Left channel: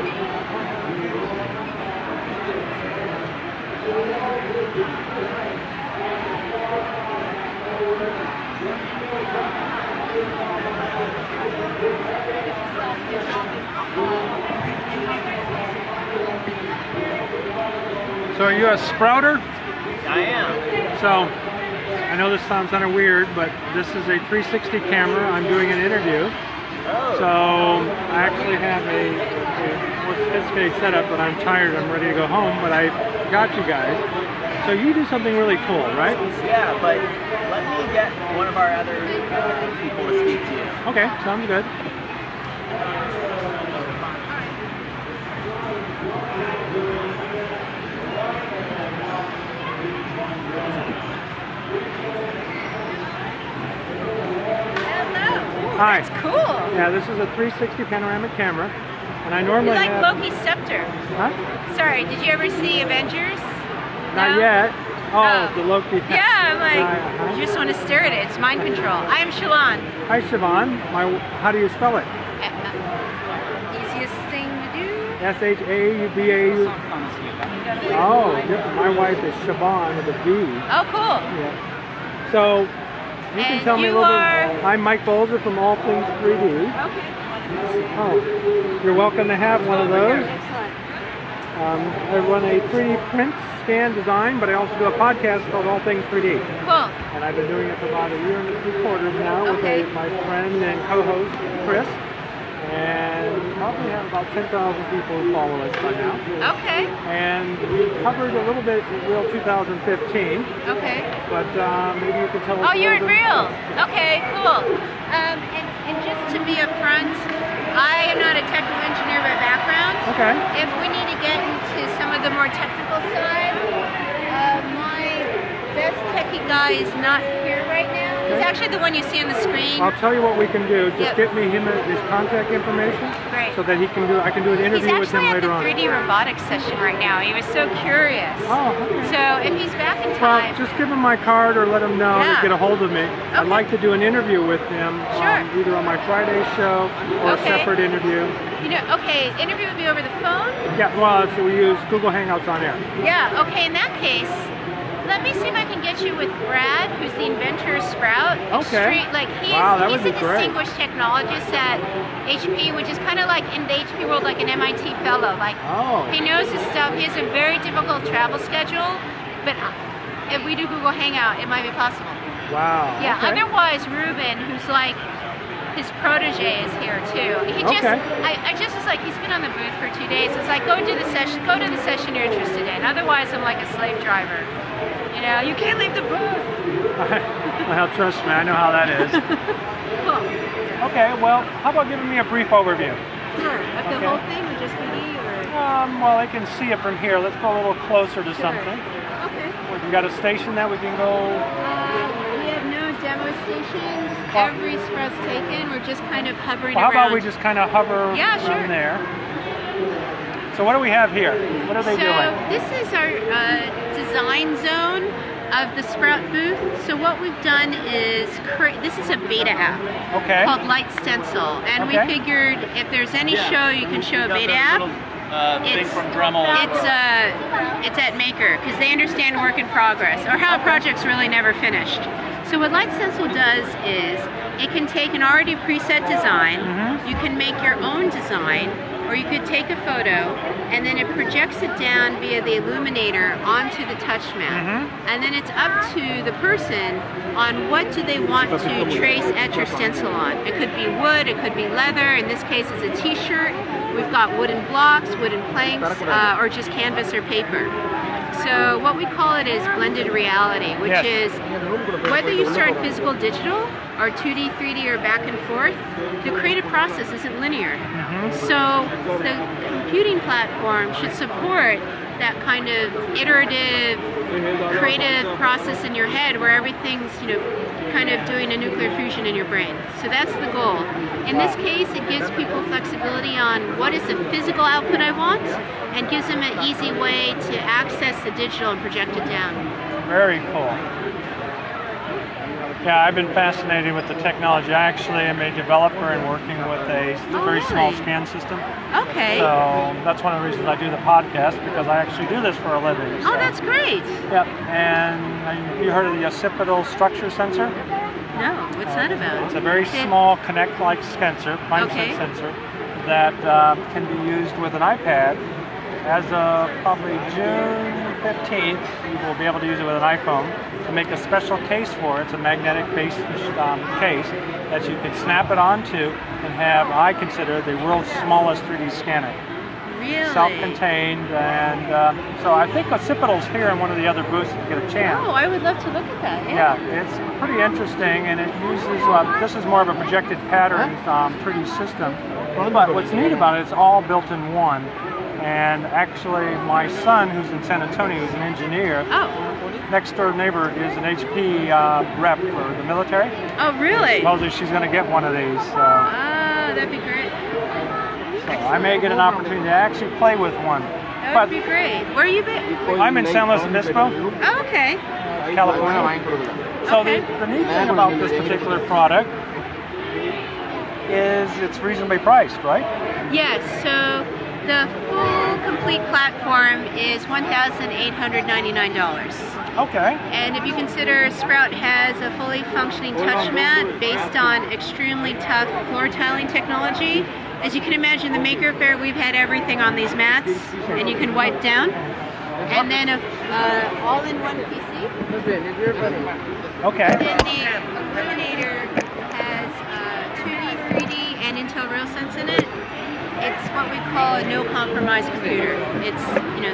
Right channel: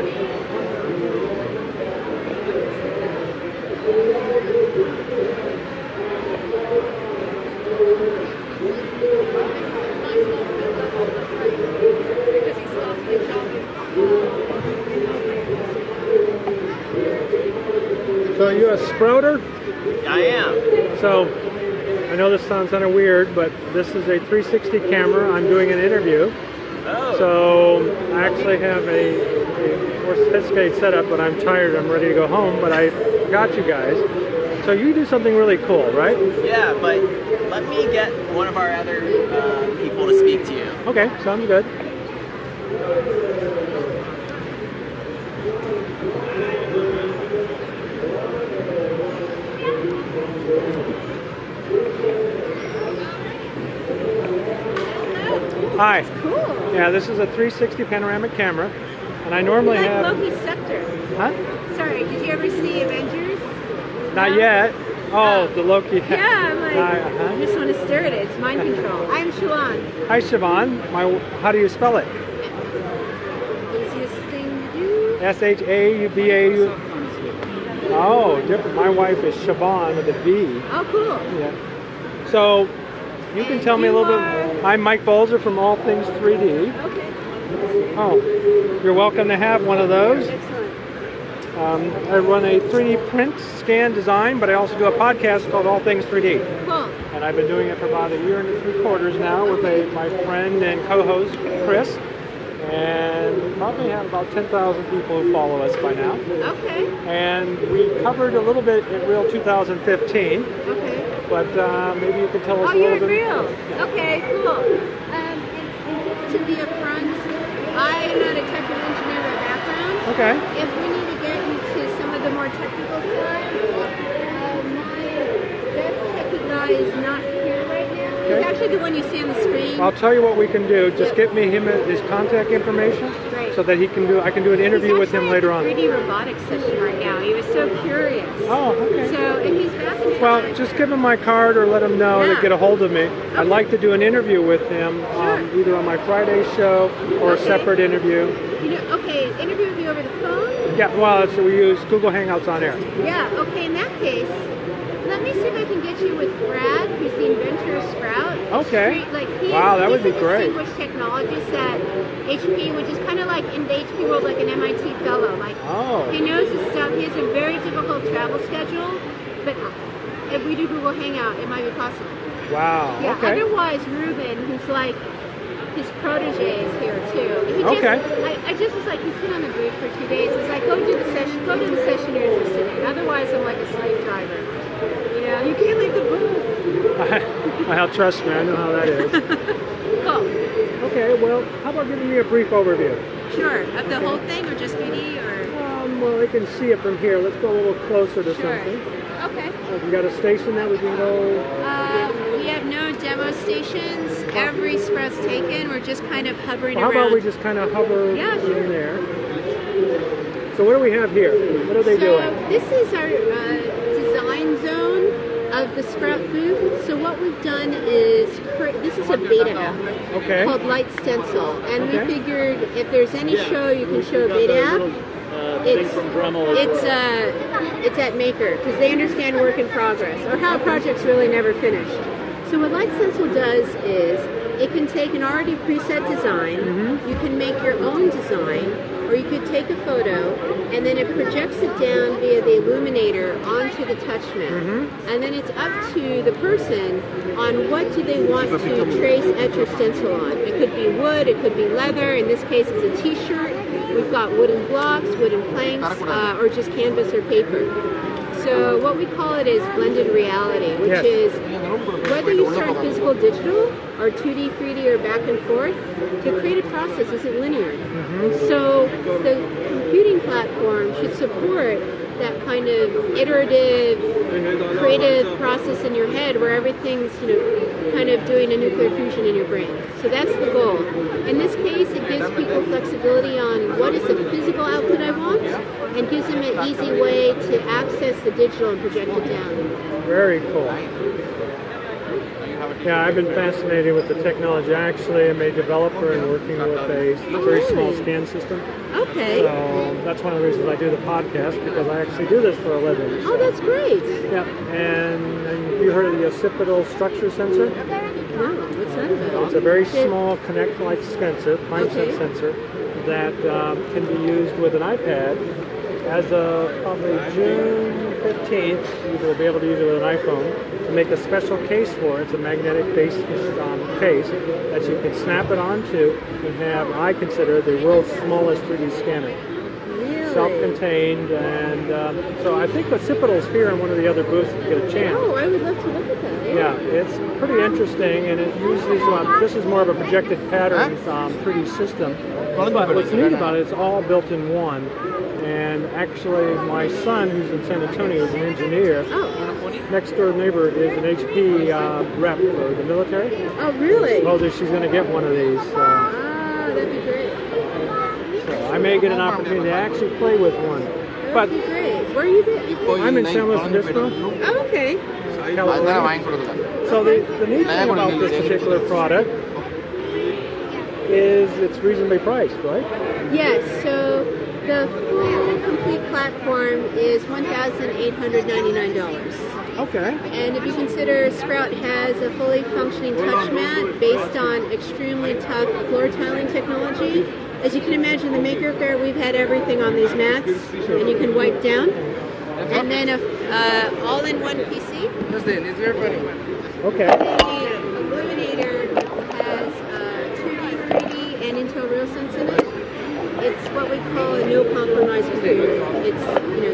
So are you a sprouter? I am. So, I know this sounds kind of weird, but this is a 360 camera. I'm doing an interview. Oh. So, I actually have a more sophisticated setup, but I'm tired. I'm ready to go home, but I got you guys. So you do something really cool, right? Yeah, but let me get one of our other people to speak to you. Okay, sounds good. Hi. That's cool. Yeah, this is a 360 panoramic camera, and I normally like have... Loki's scepter. Huh? Sorry, did you ever see Avengers? Not No? yet. Oh, the Loki. Yeah, I'm like, you just want to stare at it. It's mind control. I'm Siobhan. Hi, Siobhan. How do you spell it? Easiest thing to do. S-H-A-U-B-A-U. Oh, different. My wife is Siobhan with a V. Oh, cool. Yeah. So, you can And tell me a you little are- bit. I'm Mike Bolzer from All Things 3D. Okay. Oh, you're welcome to have one of those. Excellent. I run a 3D print scan design, but I also do a podcast called All Things 3D. Cool. And I've been doing it for about a year and 3/4 now Okay. with my friend and co-host, Chris. And we probably have about 10,000 people who follow us by now. Okay. And we covered a little bit at Real 2015, Okay. but maybe you can tell us Oh, a you're little at bit. Real. Okay, cool. And just to be upfront, I am not a technical engineer by background. Okay. If we need to get into some of the more technical side, my best techie guy is not here right now. He's actually the one you see on the screen. I'll tell you what we can do. Just Yep. get me his contact information Right. so that I can do an interview with him later on. He's actually at the 3D robotics session right now. He was so curious. Oh, okay. So if he's back in time... Well, just give him my card or let him know to Yeah. get a hold of me. I'd like to do an interview with him, Sure. either on my Friday show or Okay. a separate interview. You know, okay, interview would be over the phone? Yeah, well, so we use Google Hangouts on air. Yeah, okay, in that case, let me see if I can get you with Brad, who's the inventor of Sprout. Okay. He's Wow, that would be a great. distinguished technologist at HP, which is kind of like in the HP world, like an MIT fellow. Like, Oh. he knows his stuff. He has a very difficult travel schedule, but if we do Google Hangout, it might be possible. Wow. Yeah, Okay. otherwise Ruben, who's like his protege, is here too. He just, Okay. I just was like, he's been on the booth for 2 days. It's like, go to the session you're interested in. Otherwise, I'm like a slave driver. You know, you can't leave the booth. Well, trust me, I know how that is. Cool. Okay, well, how about giving me a brief overview? Sure. Like the Okay. whole thing or just 3D or? Well, I can see it from here. Let's go a little closer to something. Okay. We've got a station that we can go. We have no demo stations. Every Sprout's taken. We're just kind of hovering Well, how around. about we just kind of hover Yeah, sure. from there? So what do we have here? What are they doing? This is our design zone of the Sprout booth. So what we've done is this is a beta app Okay. called Light Stencil, and Okay. we figured if there's any show you can show a beta app, it's at Maker because they understand work in progress or how a project's really never finished. So what Light Stencil does is it can take an already preset design. You can make your own design, or you could take a photo and then it projects it down via the illuminator onto the touch mat. And then it's up to the person on what do they want to trace, etch, or stencil on. It could be wood, it could be leather. In this case, it's a t-shirt. We've got wooden blocks, wooden planks, or just canvas or paper. So what we call it is blended reality, which is whether you start physical digital or 2D, 3D, or back and forth, the creative process isn't linear. So the computing platform should support that kind of iterative, creative process in your head where everything's, you know, kind of doing a nuclear fusion in your brain. So that's the goal. In this case, it gives people flexibility on what is the physical output I want and gives them an easy way to access the digital and project it down. Very cool. Yeah, I've been fascinated with the technology. I actually am a developer and working with a very small really? scan system. Okay. So that's one of the reasons I do the podcast, because I actually do this for a living. Oh, that's great. Yep. And have you heard of the occipital structure sensor? No, what's that about? It's a very small Kinect-like sensor, Okay. sensor, that can be used with an iPad. As of probably June 15th, you will be able to use it with an iPhone to make a special case for it. It's a magnetic-based case that you can snap it onto and have, I consider, the world's smallest 3D scanner. Really? Self-contained, and so I think Occipital's here in one of the other booths if you get a chance. Oh, I would love to look at that. Yeah, it's pretty interesting, and it uses, this is more of a projected pattern 3D system, but what's neat about it, it's all built in one. And actually, my son, who's in San Antonio, who's an engineer, next door neighbor is an HP rep for the military. Oh, really? Supposedly she's going to get one of these. Ah, that'd be great. So I may get an opportunity to actually play with one. That'd be great. Where are you based? I'm in San Luis Obispo, Oh, okay. California. So the neat thing about this particular product is it's reasonably priced, right? Yes, so the full complete platform is $1,899. Okay. And if you consider Sprout has a fully functioning touch mat based on extremely tough floor tiling technology, as you can imagine, the MakerFaire, we've had everything on these mats, and you can wipe down. And then a all-in-one PC. Okay. And the Illuminator has 2D, 3D, and Intel RealSense in it. It's what we call a no-compromise computer. It's,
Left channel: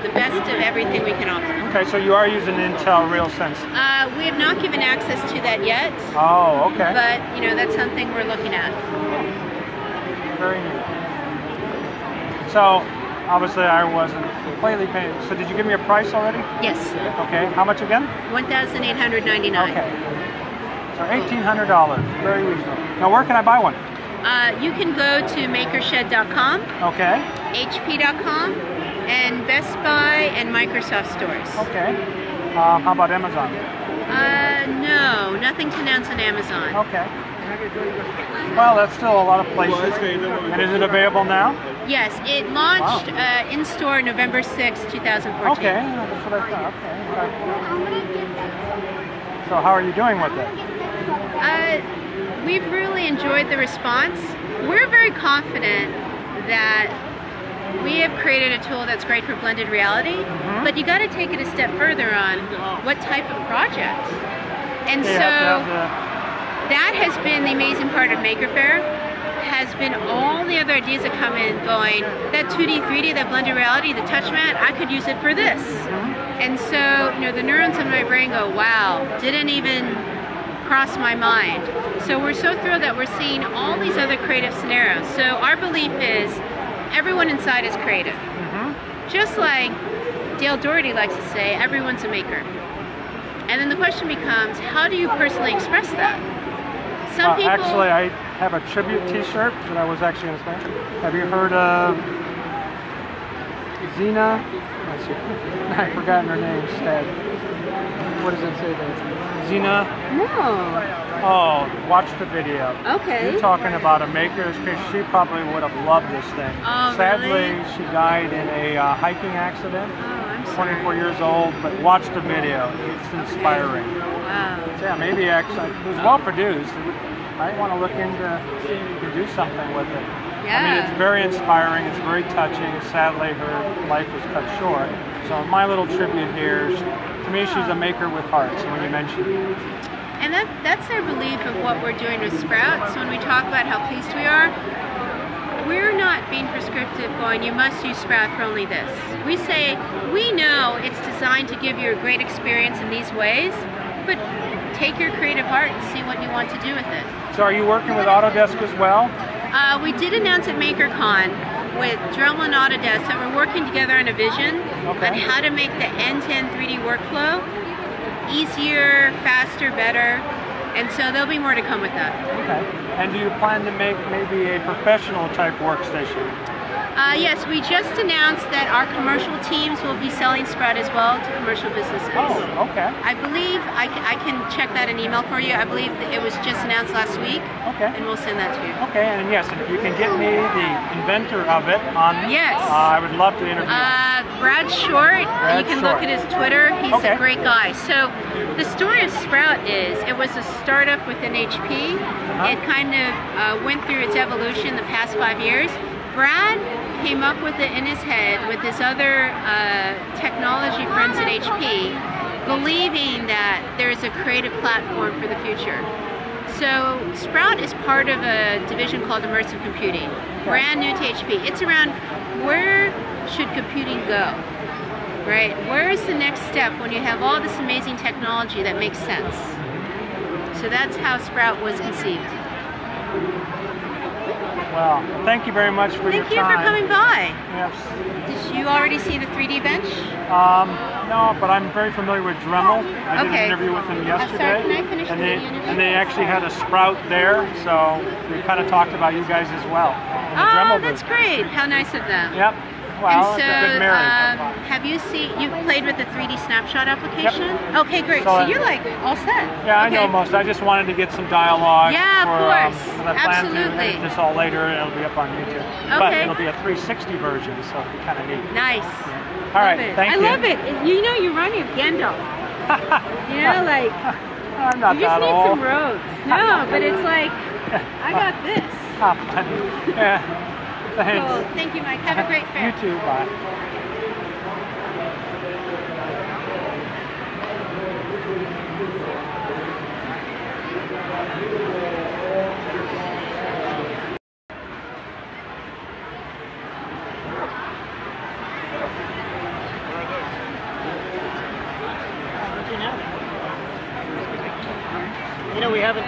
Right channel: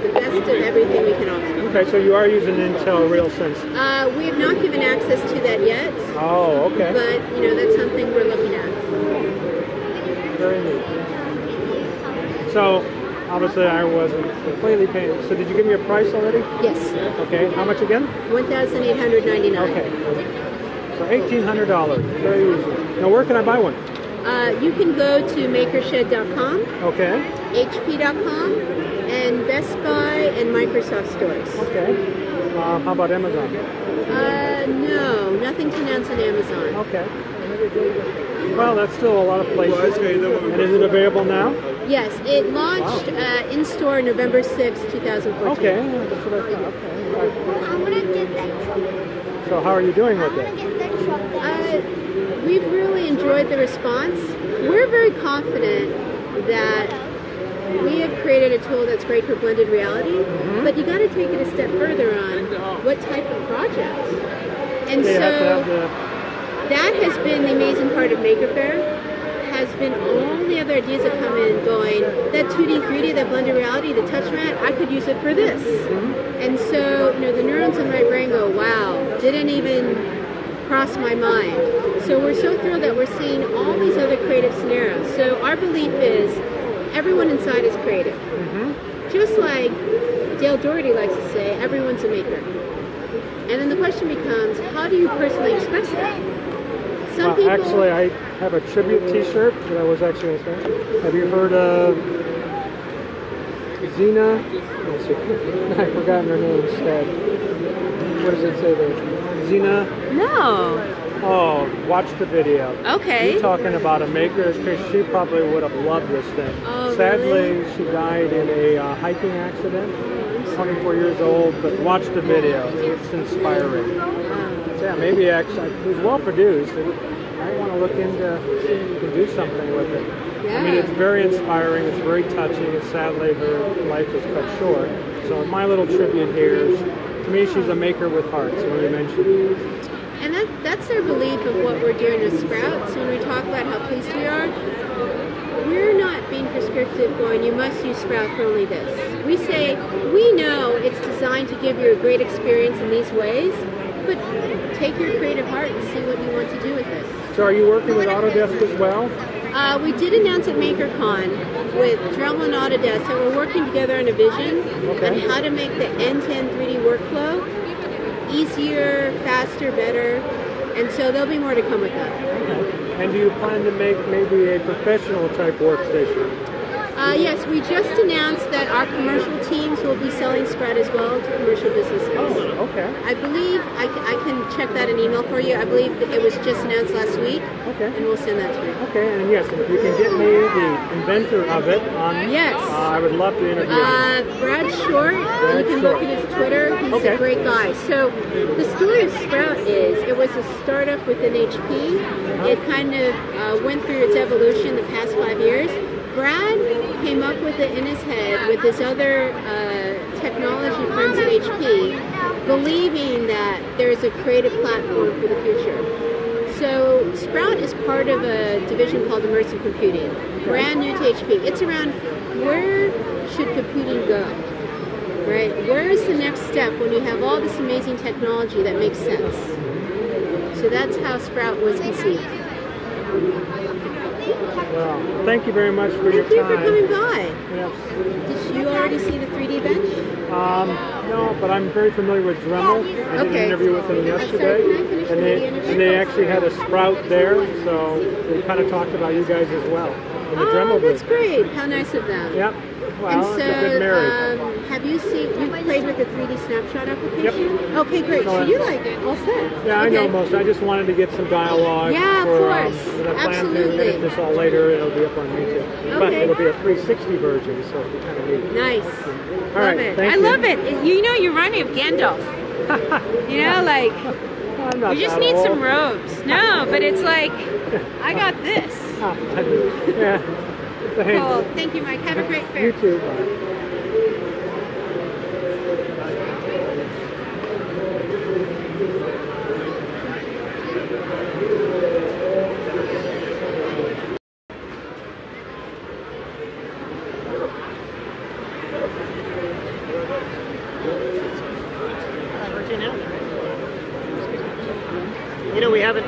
the best of everything we can offer. Okay, so you are using Intel RealSense. We have not given access to that yet. Oh, okay. But, that's something we're looking at. Very neat. So, obviously I wasn't completely paying. So did you give me a price already? Yes. Okay, how much again? $1,899. Okay. So $1,800, very reasonable. Now where can I buy one? You can go to makershed.com, Okay. HP.com, and Best Buy and Microsoft stores. Okay. How about Amazon? No, nothing to announce on Amazon. Okay. Well, that's still a lot of places. And is it available now? Yes, it launched in store November 6, 2014. Okay, that's what I thought. Okay. All right. So how are you doing with it? We've really enjoyed the response. We're very confident that we have created a tool that's great for blended reality, but you got to take it a step further on what type of project. And so that has been the amazing part of MakerFaire, has been all the other ideas that come in going, that 2D, 3D, that blended reality, the touch mat, I could use it for this. And so, the neurons in my brain go, wow, didn't even cross my mind. So we're so thrilled that we're seeing all these other creative scenarios. So our belief is everyone inside is creative. Just like Dale Doherty likes to say, everyone's a maker. And then the question becomes, how do you personally express that? Some people... Actually, I have a tribute t-shirt that I was actually going to say. Have you heard of Xena? I've forgotten her name instead. What does it say there? Xena? No. Oh, watch the video. Okay. You're talking about a maker. She probably would have loved this thing. Oh, Sadly, really? she died in a hiking accident. Oh, I'm sorry. 24 years old, but watch the video. It's inspiring. Wow. So yeah, maybe actually, it was well produced. I want to look into see if you can do something with it. Yeah. I mean, it's very inspiring. It's very touching. And sadly, her life was cut short. So my little tribute here, to me, she's a maker with heart. So when you mentioned. And that's our belief of what we're doing with Sprout. So when we talk about how pleased we are, we're not being prescriptive going, you must use Sprout for only this. We say, we know it's designed to give you a great experience in these ways, but take your creative heart and see what you want to do with it. So are you working with Autodesk as well? We did announce at MakerCon with Dremel and Autodesk that we're working together on a vision on how to make the end-to-end 3D workflow easier, faster, better, and so there'll be more to come with that. Okay. And do you plan to make maybe a professional type workstation? Yes, we just announced that our commercial teams will be selling Sprout as well to commercial businesses. Oh, okay. I believe, I can check that in email for you. I believe that it was just announced last week. Okay. And we'll send that to you. Okay, and yes, if you can get me the inventor of it on, yes. I would love to interview him. Brad Short, you can look at his Twitter. He's a great guy. So the story of Sprout is, it was a startup within HP. It kind of went through its evolution the past 5 years. Brad came up with it in his head with his other technology friends at HP, believing that there's a creative platform for the future. So Sprout is part of a division called Immersive Computing, brand new to HP. It's around where should computing go, right? Where is the next step when you have all this amazing technology that makes sense? So that's how Sprout was conceived. Well, thank you very much for your time. Thank you for coming by. Yes. Did you already see the 3D bench? No, but I'm very familiar with Dremel. I did an interview with them yesterday, and they actually had a Sprout there, so we kind of talked about you guys as well. In the Dremel that's business. great. How nice of them. Yep. Well, and so, it's a good marriage. Have you played with the 3D snapshot application? Yep. Okay, great. So you're like all set. Yeah, I know most. I just wanted to get some dialogue. Yeah, of course. Because I plan to edit this all later, and it'll be up on YouTube. Okay. But it'll be a 360 version, so it'll be kind of neat. Nice. Yeah. All right, thank you. I love it. You know, you remind me of Gandalf. You know, like, I'm not you just that need old. some robes. No, but it's like, I got this. Funny. Yeah. Thanks. Oh, thank you, Mike. Have a great fair. You too. Bye. You know, we haven't.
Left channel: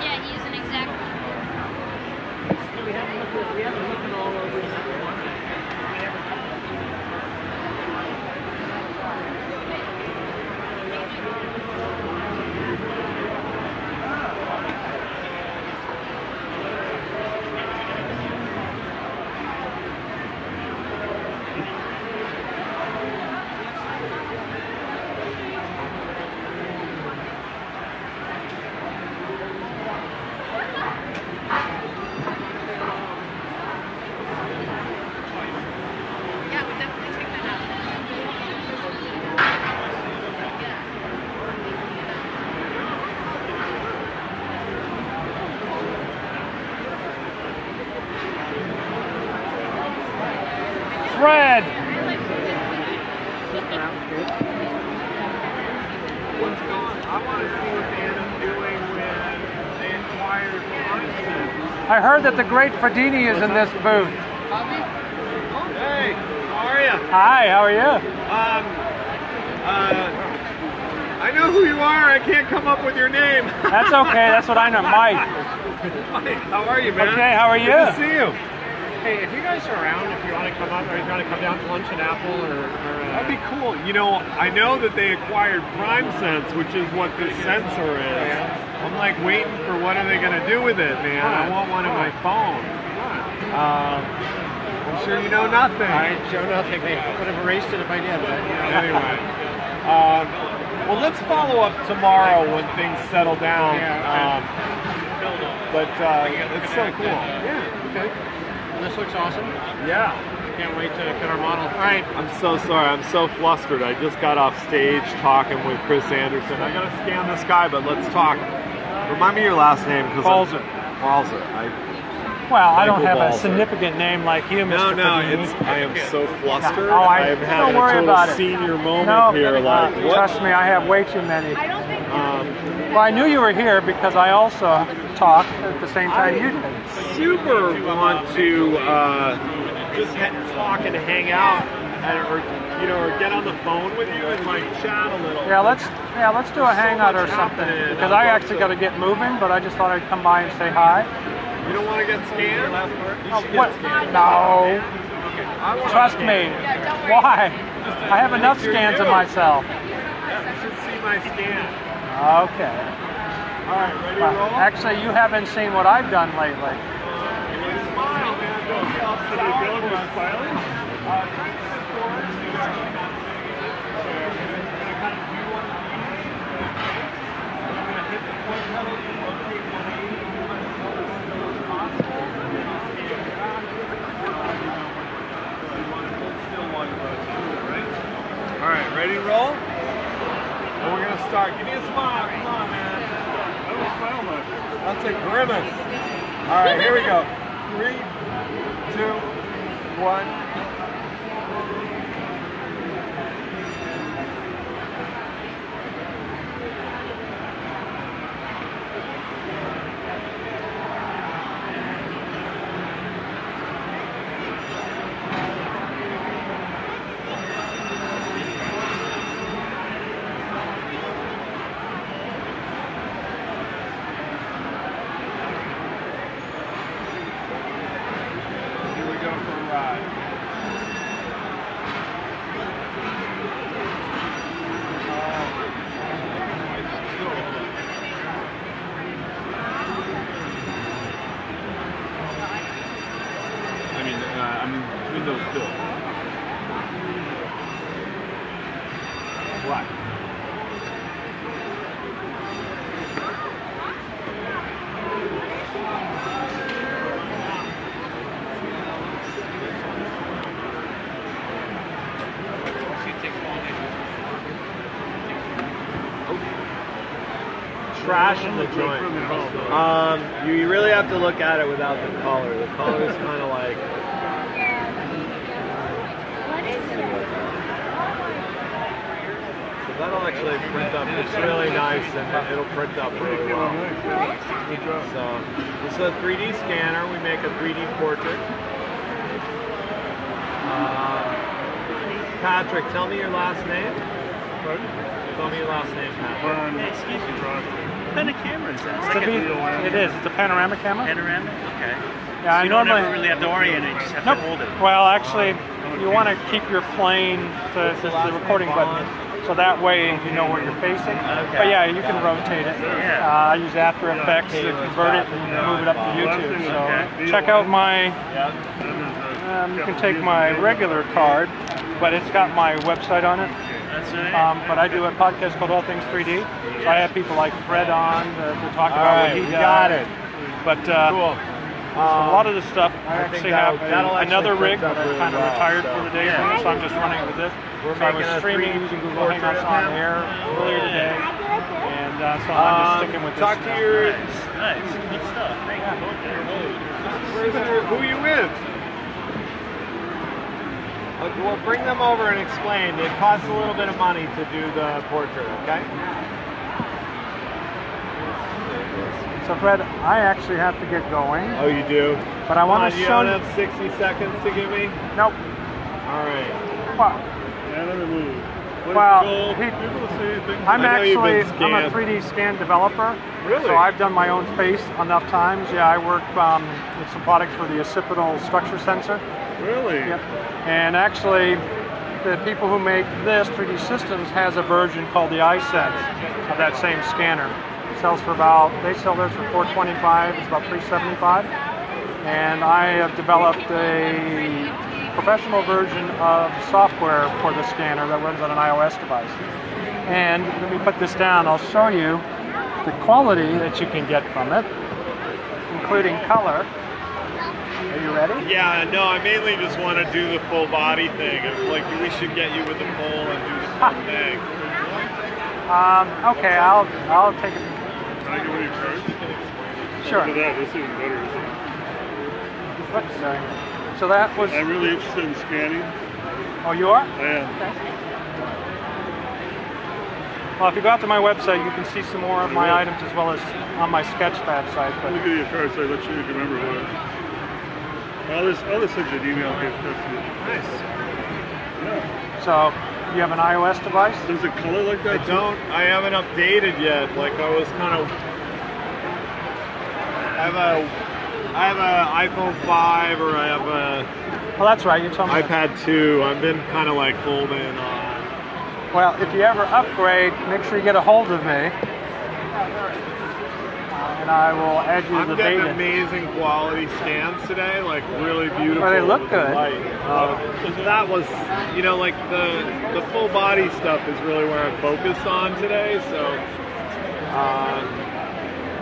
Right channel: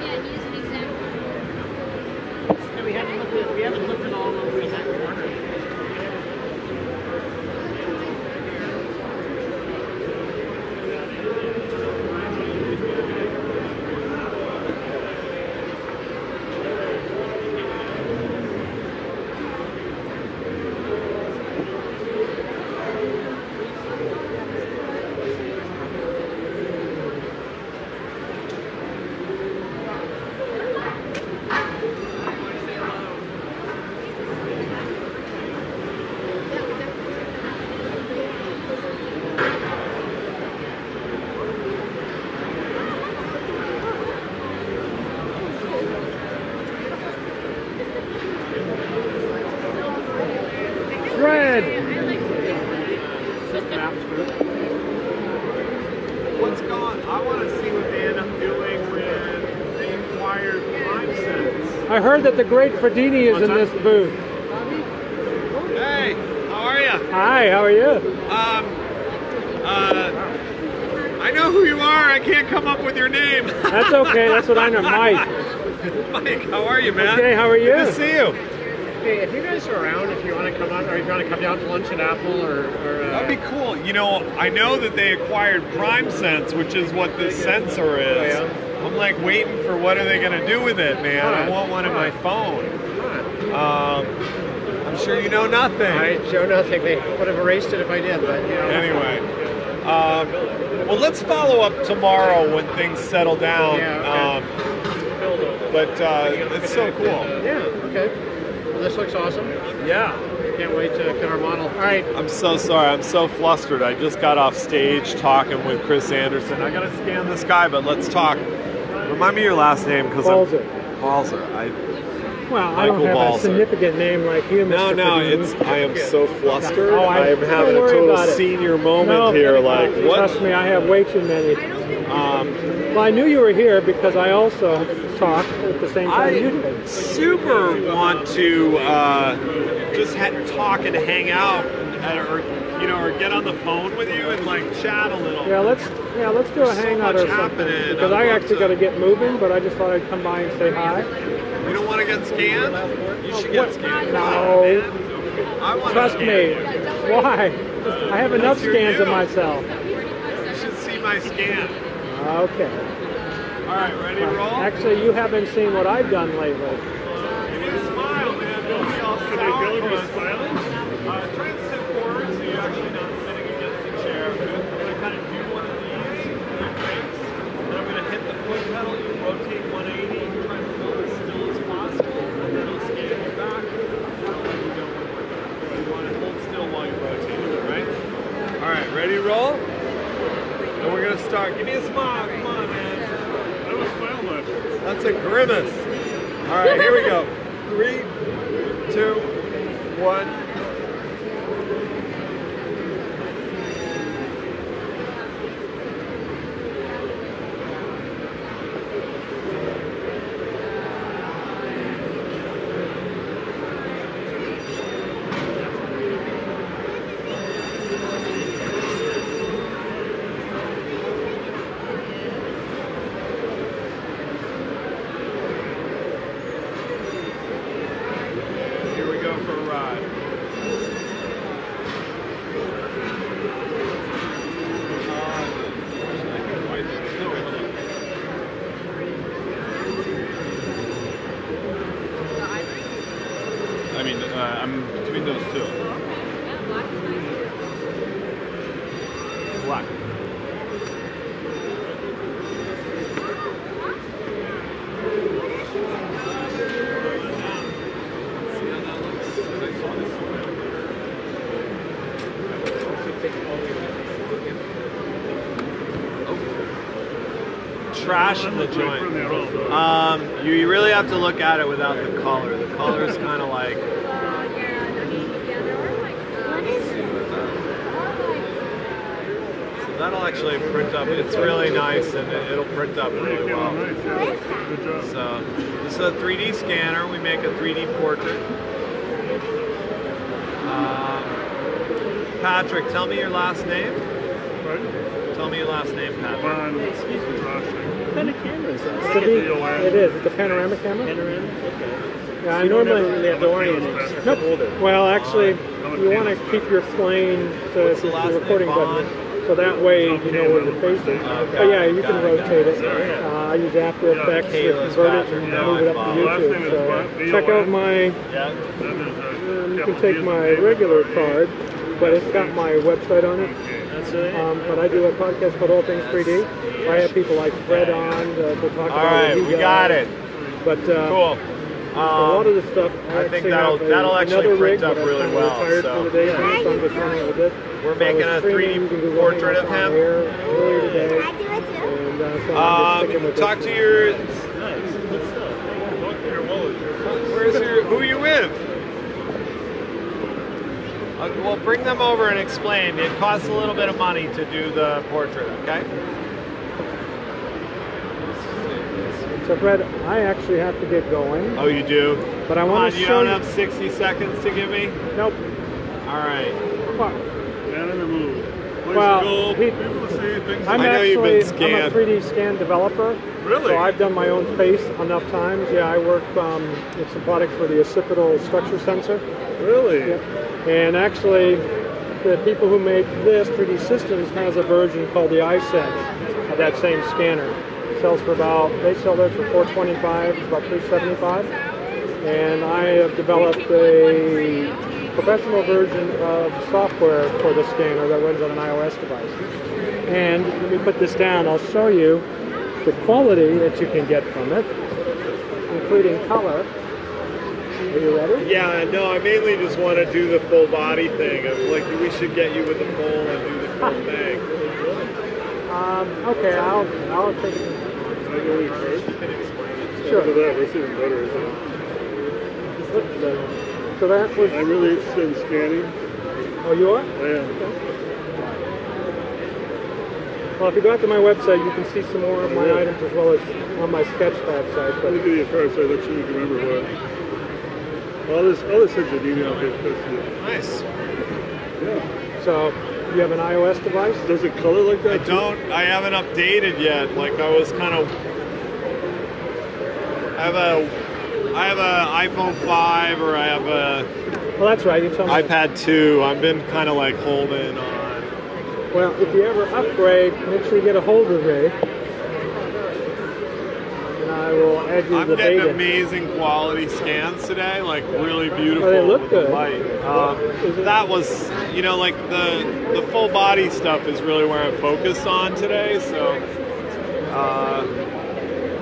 Yeah, he's an exact. We haven't looked at all those. We never. Fred! What's going on? I want to see what they end up doing when they acquired Armsets. I heard that the great Fredini is in this booth. Hey, how are you? Hi, how are you? I know who you are. I can't come up with your name. That's okay. That's what I know. Mike. Mike, how are you, man? Okay, how are you? Good to see you. Hey, if you guys are around, if you want to come up, or if you want to come down to lunch in Apple, That'd be cool. You know, I know that they acquired PrimeSense, which is what this sensor is. Yeah. I'm like waiting for what are they going to do with it, man. I want one on my phone. I'm sure you know nothing. I don't know. They would have erased it if I did, but you know. Anyway, well, let's follow up tomorrow when things settle down. Yeah, but it's so cool. Yeah. Okay. Well, this looks awesome. Yeah. Can't wait to get our model. All right. I'm so sorry. I'm so flustered. I just got off stage talking with Chris Anderson. I gotta scan this guy, but let's talk. Remind me your last name, because Balzer. Balzer. Well, I don't have Balzer. a significant name like you, Mr. Fredini. I am so flustered. Oh, I am having a total senior moment here. Like, what? Trust me, I have way too many. Well, I knew you were here because I also talked at the same time you did. Super want to just talk and hang out, or get on the phone with you and like chat a little. Yeah, let's do a hangout or something, because I actually got to get moving, but I just thought I'd come by and say hi. You don't want to get scanned? What? No. Trust me. Why? I have enough scans of myself. You should see my scan. Okay. All right, ready to Well, roll? actually, you haven't seen what I've done lately. they go to silence? Alright, ready to roll? And we're gonna start. Give me a smile. Come on, man. That's a grimace. Alright, here we go. 3, 2, 1. I'm between those two. Black. Trash in the joint. You really have to look at it without the color. The color is kind of like. So that'll actually print up. It's really nice and it'll print up really well. So this is a 3D scanner. We make a 3D portrait. Patrick, tell me your last name. Tell me your last name, Patrick. Excuse me. What kind of camera is that? It is. It's a panoramic camera. Panoramic? Okay. Yeah, I you don't normally ever really have to orient it, you just have nope. to hold it. Well, actually, you want to keep your plane to the recording button, so that way you know where you're facing. Okay. But yeah, you can rotate it. Yeah. I use After Effects to convert it and move it up to YouTube. So check out my. You can take my regular card, but it's got my website on it. That's right. But I do a podcast called All Things 3D. So I have people like Fred on to talk about what he does. Got it. But Cool. a lot of the stuff, I actually have another rig, but I kind of retired for the day, so I'm just running with this. So I was streaming using Google Hangouts on air earlier today, and so I'm just sticking with this. Talk to your. Nice. Good stuff. Thank you. Who are you with? We'll bring them over and explain. It costs a little bit of money to do the portrait, okay? So Fred, I actually have to get going. Oh, you do? But I want to show you. You don't have 60 seconds to give me? Nope. All right. Well, I'm a 3D scan developer. Really? So I've done my own face enough times. Yeah, I work with some products for the occipital structure sensor. Really? Yep. And actually, the people who make this, 3D Systems, has a version called the iSense of that same scanner. It sells for they sell theirs for $425, it's about $375. And I have developed a professional version of software for the scanner that runs on an iOS device. And let me put this down, I'll show you the quality that you can get from it, including color. Are you ready? Yeah, no, I mainly just want to do the full body thing. Like, we should get you with the pole and do the full thing. Okay, I'll take it. Can I go any first? Sure. For that, that's even better, isn't it? So that was... I'm really interested in scanning. Oh, you are? I am. Okay. Well, if you go out to my website, you can see some more of my items as well as on my Sketchpad site. But... Let me give you a card so I let you remember what. Well, I'll just send you an email and get tested. Nice. Yeah. So, you have an iOS device? Does it color like that? I haven't updated yet. Like, I was kind of. I have a iPhone 5 or I have a. Well, that's right. You told me. iPad 2. I've been kind of like holding on. Well, if you ever upgrade, make sure you get a hold of me. and I will add you to the getting beta. amazing quality scans today, like really beautiful. But they look good. That was, you know, like the full body stuff is really what I focused on today. So,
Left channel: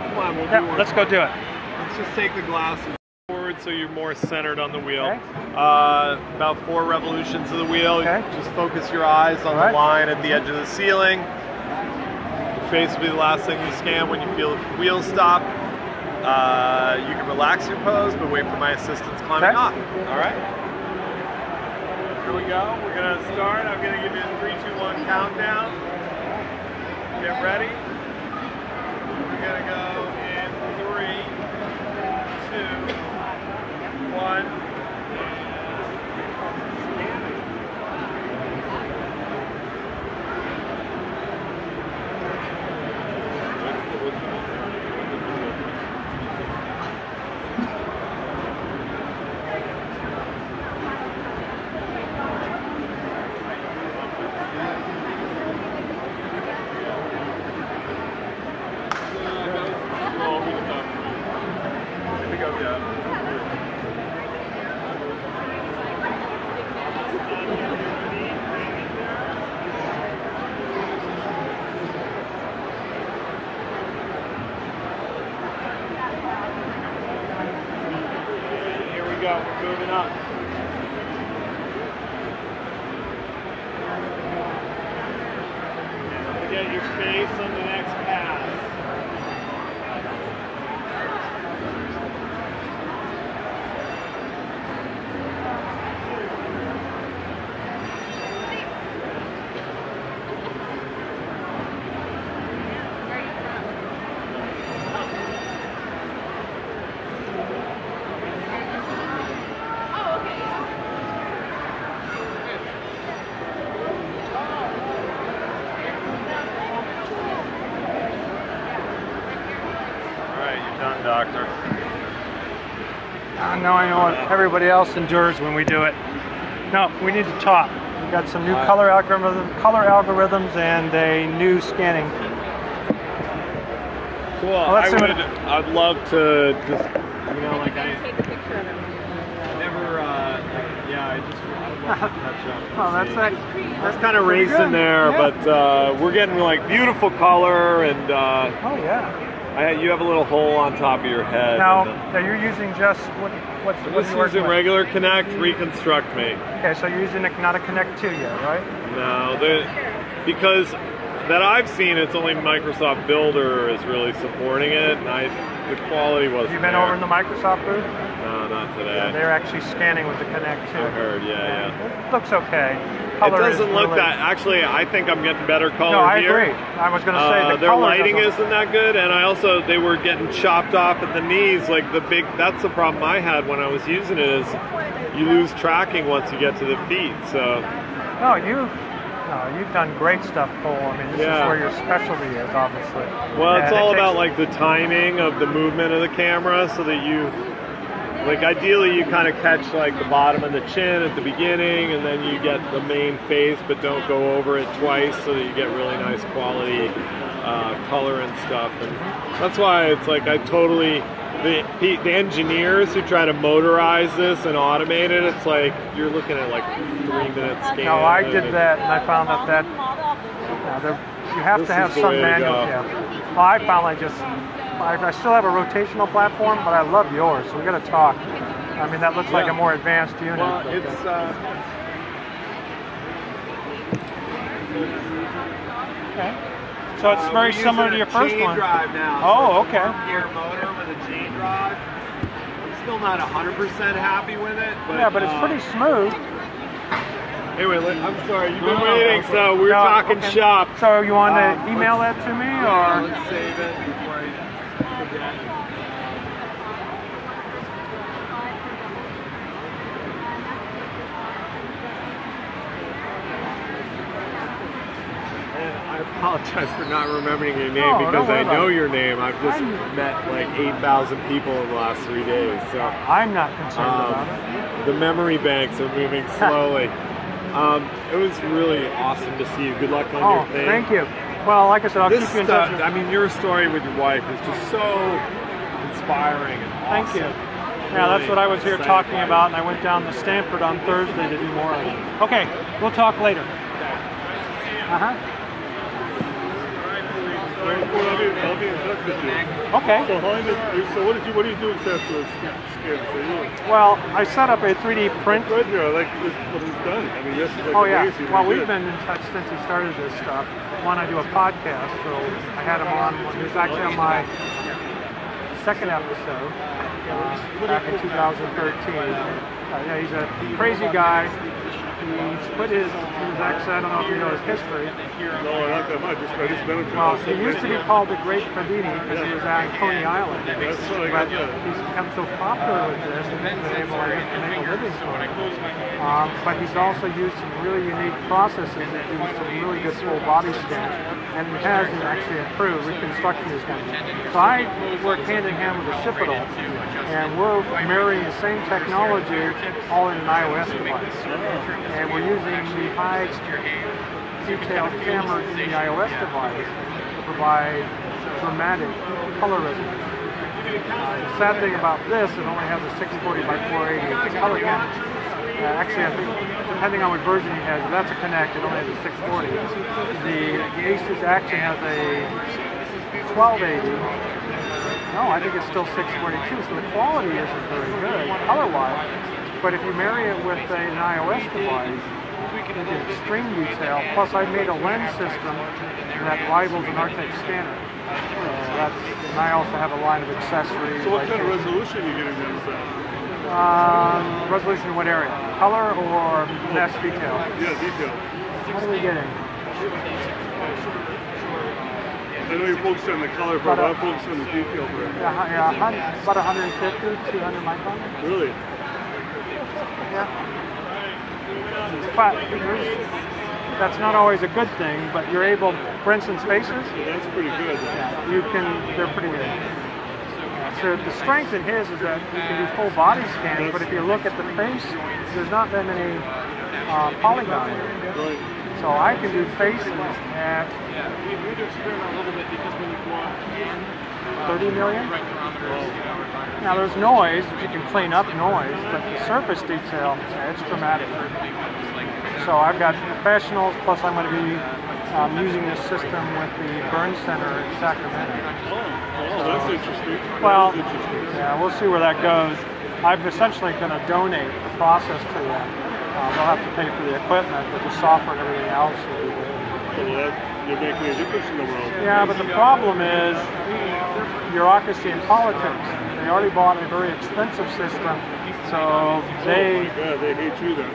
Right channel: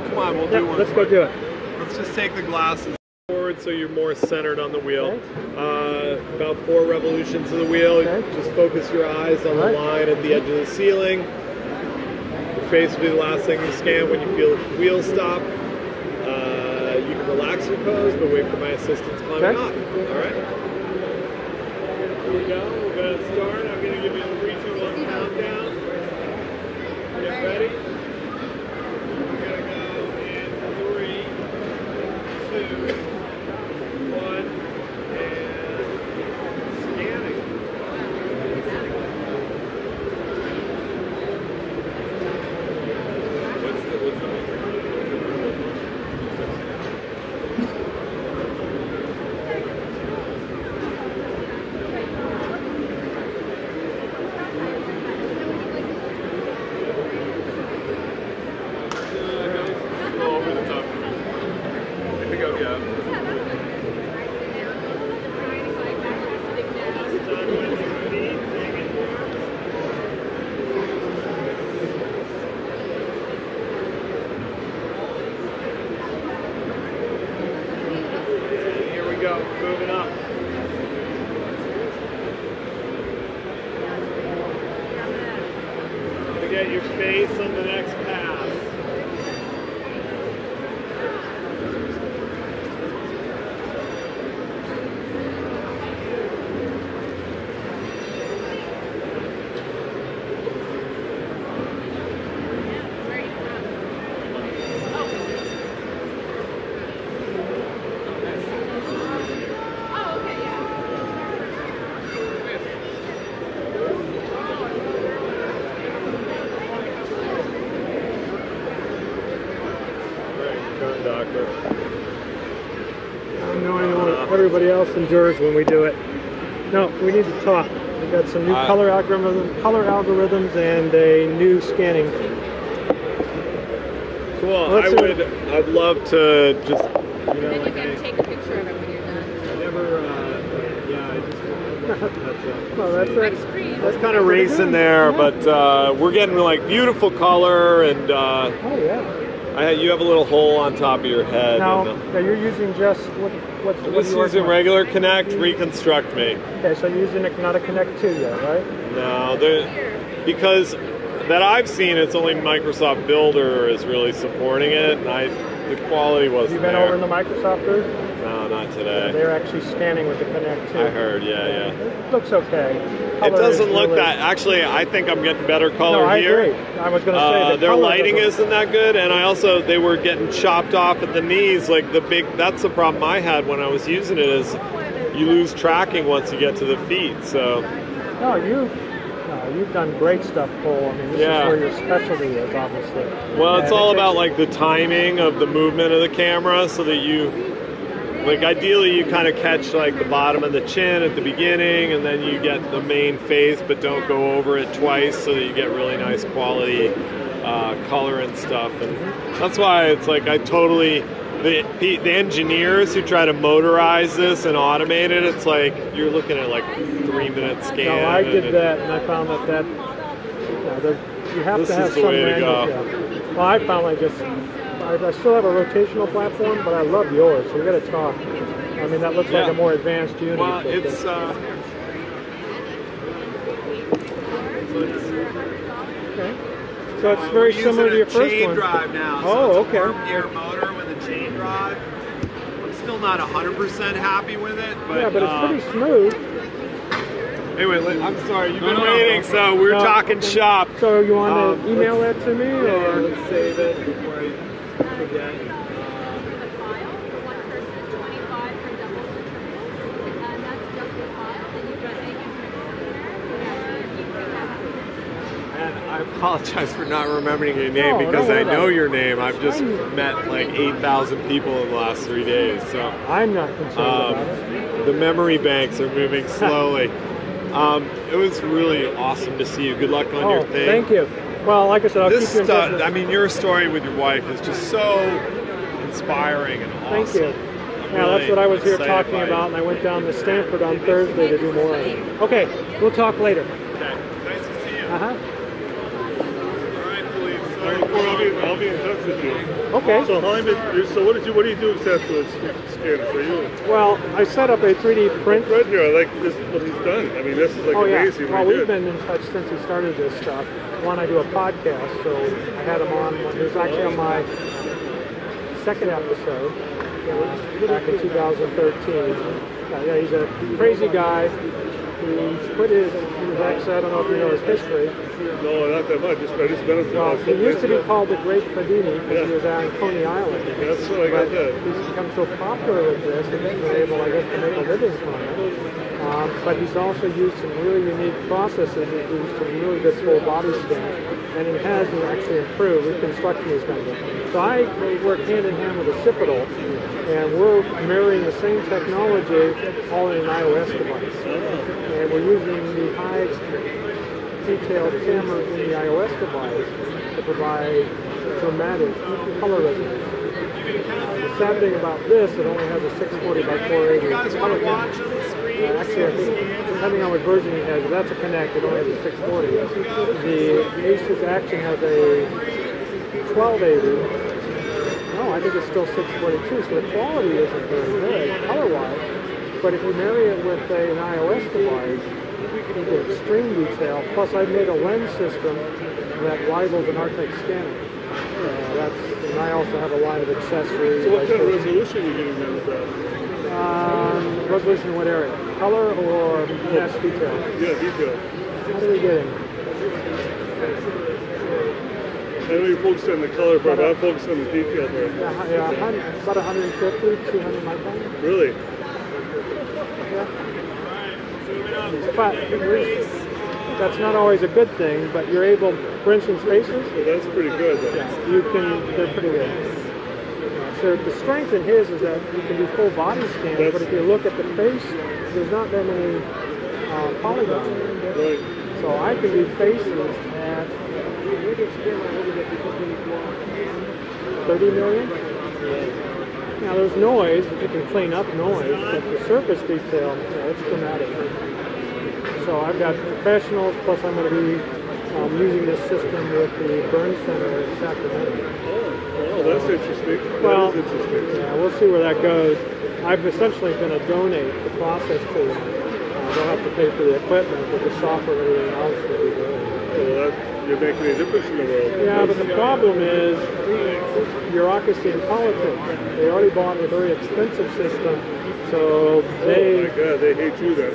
come on, we'll do one. Let's go do it. Let's just take the glasses forward so you're more centered on the wheel. Okay. About 4 revolutions of the wheel. Okay. Just focus your eyes on the line at the edge of the ceiling. Your face will be the last thing you scan when you feel the wheel stop. You can relax your pose, but wait for my assistants climbing off. All right? Here we go. We're going to start. I'm going to give you a 3, 2, 1 countdown. Get ready. We're going to go in 3, 2, 1, and scanning. Moving up. To get your face on the next pass. Doctor. Now I know what everybody else endures when we do it. No, we need to talk. We've got some new color algorithms and a new scanning. Well, I'd love to just, you know, like I never, I just well, that's kind of racing there, yeah. but we're getting like beautiful color and. Oh yeah. You have a little hole on top of your head. Now you're using just what's using regular Connect Reconstruct Me. Okay, so you're using not a Connect 2 yet, right? No, because that I've seen, it's only Microsoft Builder is really supporting it. And the quality wasn't. Have you been over in the Microsoft booth? No, not today. Yeah, they're actually scanning with the Connect 2. I heard, yeah. It looks okay. Color it doesn't look that. Actually, I think I'm getting better color. No, I here. agree. I was going to say the their color lighting isn't that good, and they were getting chopped off at the knees. Like that's the problem I had when I was using it is you lose tracking once you get to the feet. So. No, you've done great stuff, Cole. I mean, this is where your specialty is, obviously. Well, it's all about like the timing of the movement of the camera, so that you. Like ideally you kind of catch like the bottom of the chin at the beginning and then you get the main face but don't go over it twice so that you get really nice quality color and stuff. And that's why it's like the engineers who try to motorize this and automate it, it's like you're looking at like 3-minute scan. No, I did that and I found that you have to have some manual. Yeah. Well, I found I still have a rotational platform, but I love yours, so we got to talk. I mean, that looks like a more advanced unit. It's okay. So it's very similar to your first one. Now, oh, so okay. Gear motor with a chain drive. I'm still not 100% happy with it. But, yeah, but it's pretty smooth. Anyway, I'm sorry, you've been waiting, so we're talking shop. So you want to email that to me, or? Yeah, let's save it before I forget. I apologize for not remembering your name because I know your name. I've just met like 8,000 people in the last 3 days. So I'm not concerned about it. The memory banks are moving slowly. It was really awesome to see you. Good luck on your thing. Thank you. Well, like I said, I'll This keep you in touch. stuff, I mean, your story with your wife is just so inspiring. And Thank awesome. you. Yeah, that's what I was here Excited talking by it. about, and I went down to Stanford on Thursday to do more on it. Okay, we'll talk later. Uh-huh. I'll be in touch with you. Okay. So what do you do exactly with scans? So you Well, I set up a 3D print. right there, like this what he's done. I mean, this is like Oh yeah. amazing. Well, right we've there. been in touch since he started this stuff. One, I do a podcast, so I had him on. He was actually on my second episode back in 2013. Yeah, he's a crazy guy. He was actually, I don't know if you know his history. No, not that much. I just been Well, he used to be called the Great Fradini because he was on Coney Island. That's what I got But that. he's become so popular with this that he's been able, I guess, to make a living from it. But he's also used some really unique processes that do some really good full body scan, and it has actually improved. Reconstruction is done. So I work hand in hand with Occipital, and we're marrying the same technology all in an iOS device. And we're using the high detailed camera in the iOS device to provide dramatic color resolution. The sad thing about this, it only has a 640 by 480 color camera. Actually, I think depending on what version you have, if that's a Connect, it only has a 640. The Asus Action has a 1280. No, I think it's still 642, so the quality isn't very good color-wise. But if you marry it with an iOS device, you get extreme detail. Plus, I made a lens system that rivals an Artec scanner. And I also have a line of accessories. So what kind of resolution are you getting there with that? Resolution in what area? Color or mesh detail? Yeah, detail. What are we getting? I know you're focused on the color part, but I'm focused on the detail part. Yeah, about 150, 200 microns. Really? Yeah. But that's not always a good thing, but you're able, for instance, faces. Well, that's pretty good. Though. Yeah, they're pretty good. Yeah, so the strength in his is that you can do full body scans, but if you look at the face, there's not that many polygons. Right. So I can do faces at 30 million. Now there's noise, you can clean up noise, but the surface detail, yeah, it's dramatic. So I've got professionals, plus I'm going to be using this system with the Burn Center in Sacramento. Oh, that's interesting. Well, that is interesting. Yeah, we'll see where that goes. I'm essentially going to donate the process to them. They'll have to pay for the equipment, but the software and everything else will be good. Well, you're making a difference in the world. Yeah, but the problem is bureaucracy and politics. They already bought a very expensive system, so they... Oh my God, they hate you then.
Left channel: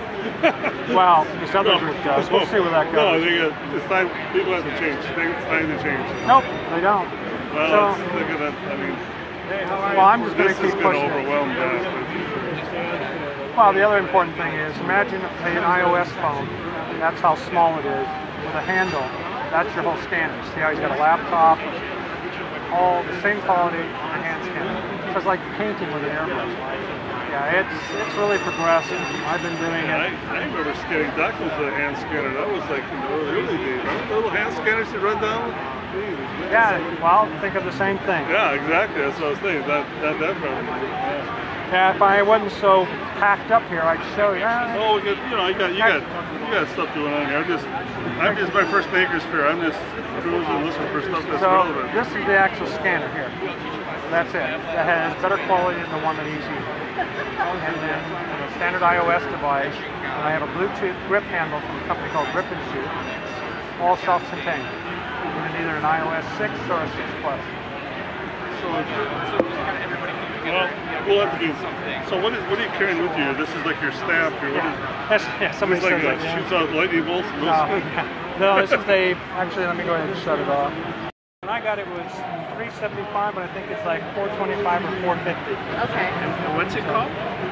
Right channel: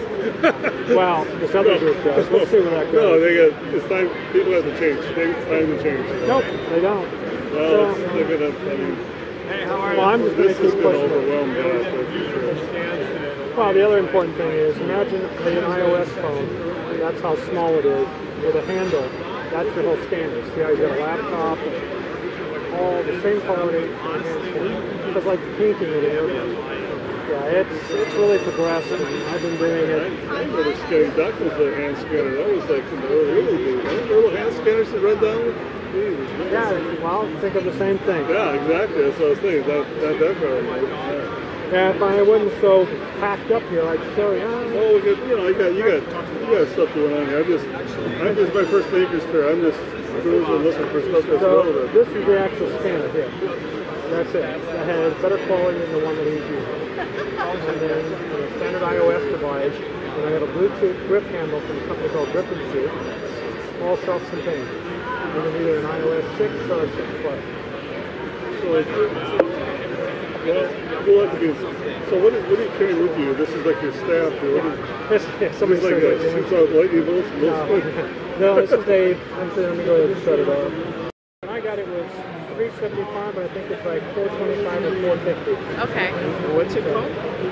Well, this other group does. We'll see where that goes. No, it's time, people have to change. It's time to change. You know? Nope, they don't. Well, So, they're gonna, well, I'm just going this to is keep going to pushing it. overwhelm that, that's for sure. Well, the other important thing is, imagine an iOS phone. That's how small it is, with a handle. That's your whole standard. See how he's got a laptop, all the same quality for a hand scanner. It's like painting with an airbrush. Yeah, it's really progressive. I've been doing it. I remember scanning documents with a hand scanner. That was like in the early days. Remember the little hand scanners to run down? Jesus, Yeah, well, think of the same thing. Yeah, exactly. That's what I was thinking. That forever. Yeah, if I wasn't so packed up here, I'd show you. Oh, you got stuff going on here. I'm just my first MakerFaire. I'm just cruising, looking for stuff that's So relevant. this is the actual scanner here. That's it. That has better quality than the one that he's using. And then a standard iOS device, and I have a Bluetooth grip handle from a company called Grip & Shoot, all self-contained. Using either an iOS 6 or a 6 Plus. Well, we'll have to do. So what are you carrying with you? This is like your staff here. What is? Yeah, somebody It's like says a shoots out lightning bolts. no, this is actually, let me go ahead and shut it off. When I got it was $375, but I think it's like $425 or $450. Okay. And what's it called?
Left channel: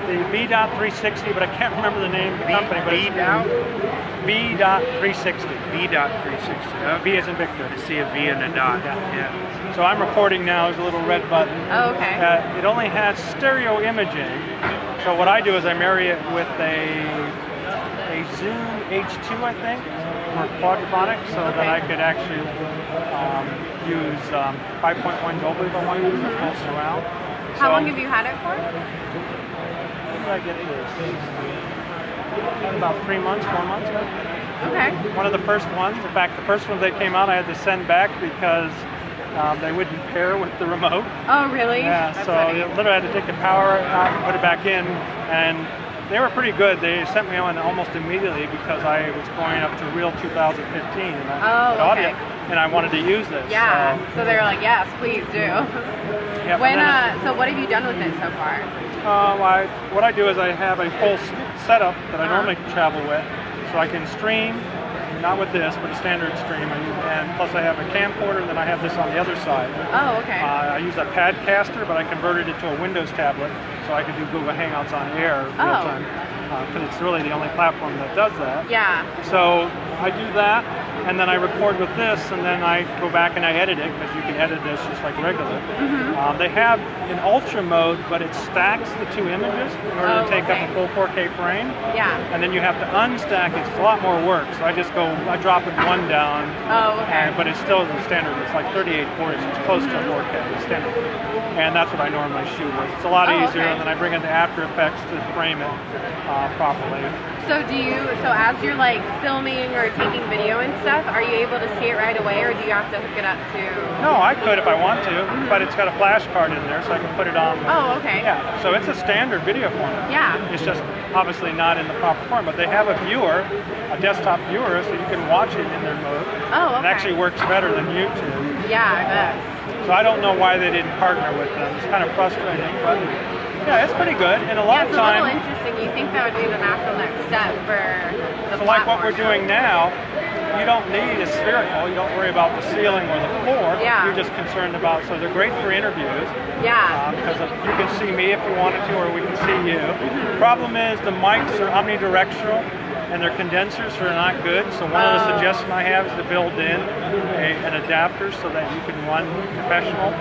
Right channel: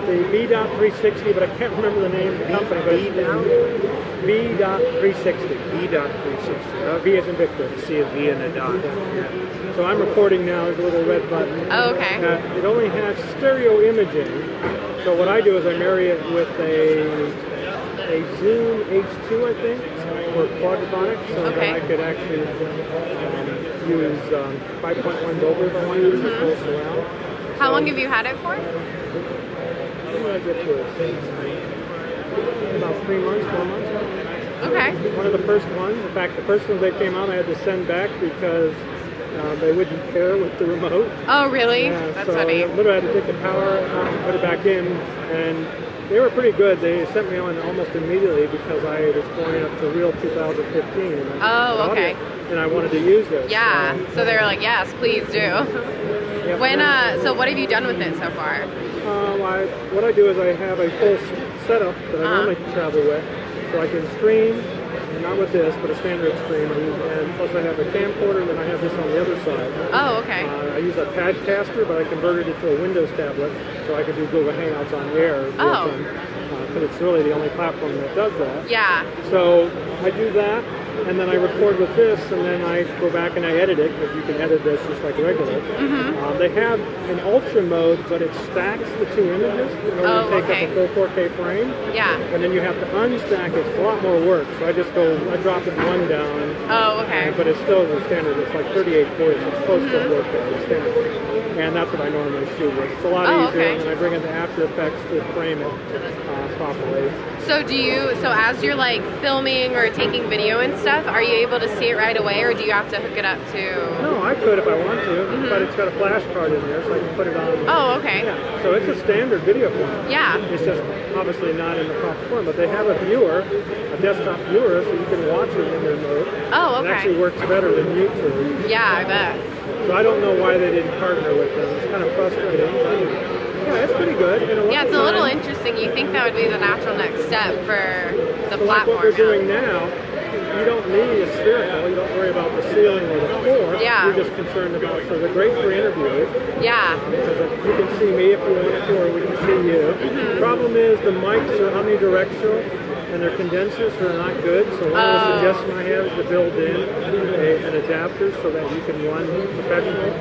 The V.360, but I can't remember the name of the company. V.360. V.360. V as in Victor. I see a V and a dot. Yeah. So I'm recording now. There's a little red button. Oh, okay. It only has stereo imaging. So what I do is I marry it with a a Zoom H2, I think, for quadraphonic, so that I could actually use 5.1 Dolby if I wanted to use a full surround. How long have you had it for? When did I get this? About 3 months, 4 months now. Okay. One of the first ones. In fact, the first ones that came out, I had to send back because they wouldn't pair with the remote. Oh, really? Yeah, That's so funny. literally I had to take the power out and put it back in, and they were pretty good. They sent me on almost immediately because I was going up to Real 2015. And okay. And I wanted to use this. Yeah. So they were like, yes, please do. Yeah, So what have you done with it so far? What I do is I have a full setup that I normally travel with, so I can stream. Not with this, but a standard stream. And plus I have a camcorder, then I have this on the other side. Oh, okay. I use a Padcaster, but I converted it to a Windows tablet, so I can do Google Hangouts on air real time. Because it's really the only platform that does that. Yeah. So I do that, and then I record with this, and then I go back and I edit it, because you can edit this just like regular. They have an ultra mode, but it stacks the two images in order to take up a full 4K frame. Yeah. And then you have to unstack it. It's a lot more work. So I drop it one down, but it's still the standard. It's like 3840, so it's close to 4K, it's standard. And that's what I normally shoot with. It's a lot easier, and then I bring in the After Effects to frame it properly. So as you're like filming or taking video and stuff, are you able to see it right away, or do you have to hook it up to? No, I could if I want to, but it's got a flash card in there, so I can put it on. Oh, okay. Yeah, so it's a standard video format. Yeah. It's just obviously not in the proper form, but they have a viewer, a desktop viewer, so you can watch it in their mode. Oh, okay. It actually works better than YouTube. Yeah, I bet. So I don't know why they didn't partner with them. It's kind of frustrating, but yeah, it's pretty good. And a lot of it's times, a little interesting. You think that would be the natural next step for the so like what we're doing now, you don't need a spherical. You don't worry about the ceiling or the floor. Yeah. You're just concerned about, so they're great for interviews. Yeah. Because you can see me if you wanted to, or we can see you. The problem is the mics are omnidirectional, and their condensers are not good. So one of the suggestions I have is to build in an adapter so that you can run professional.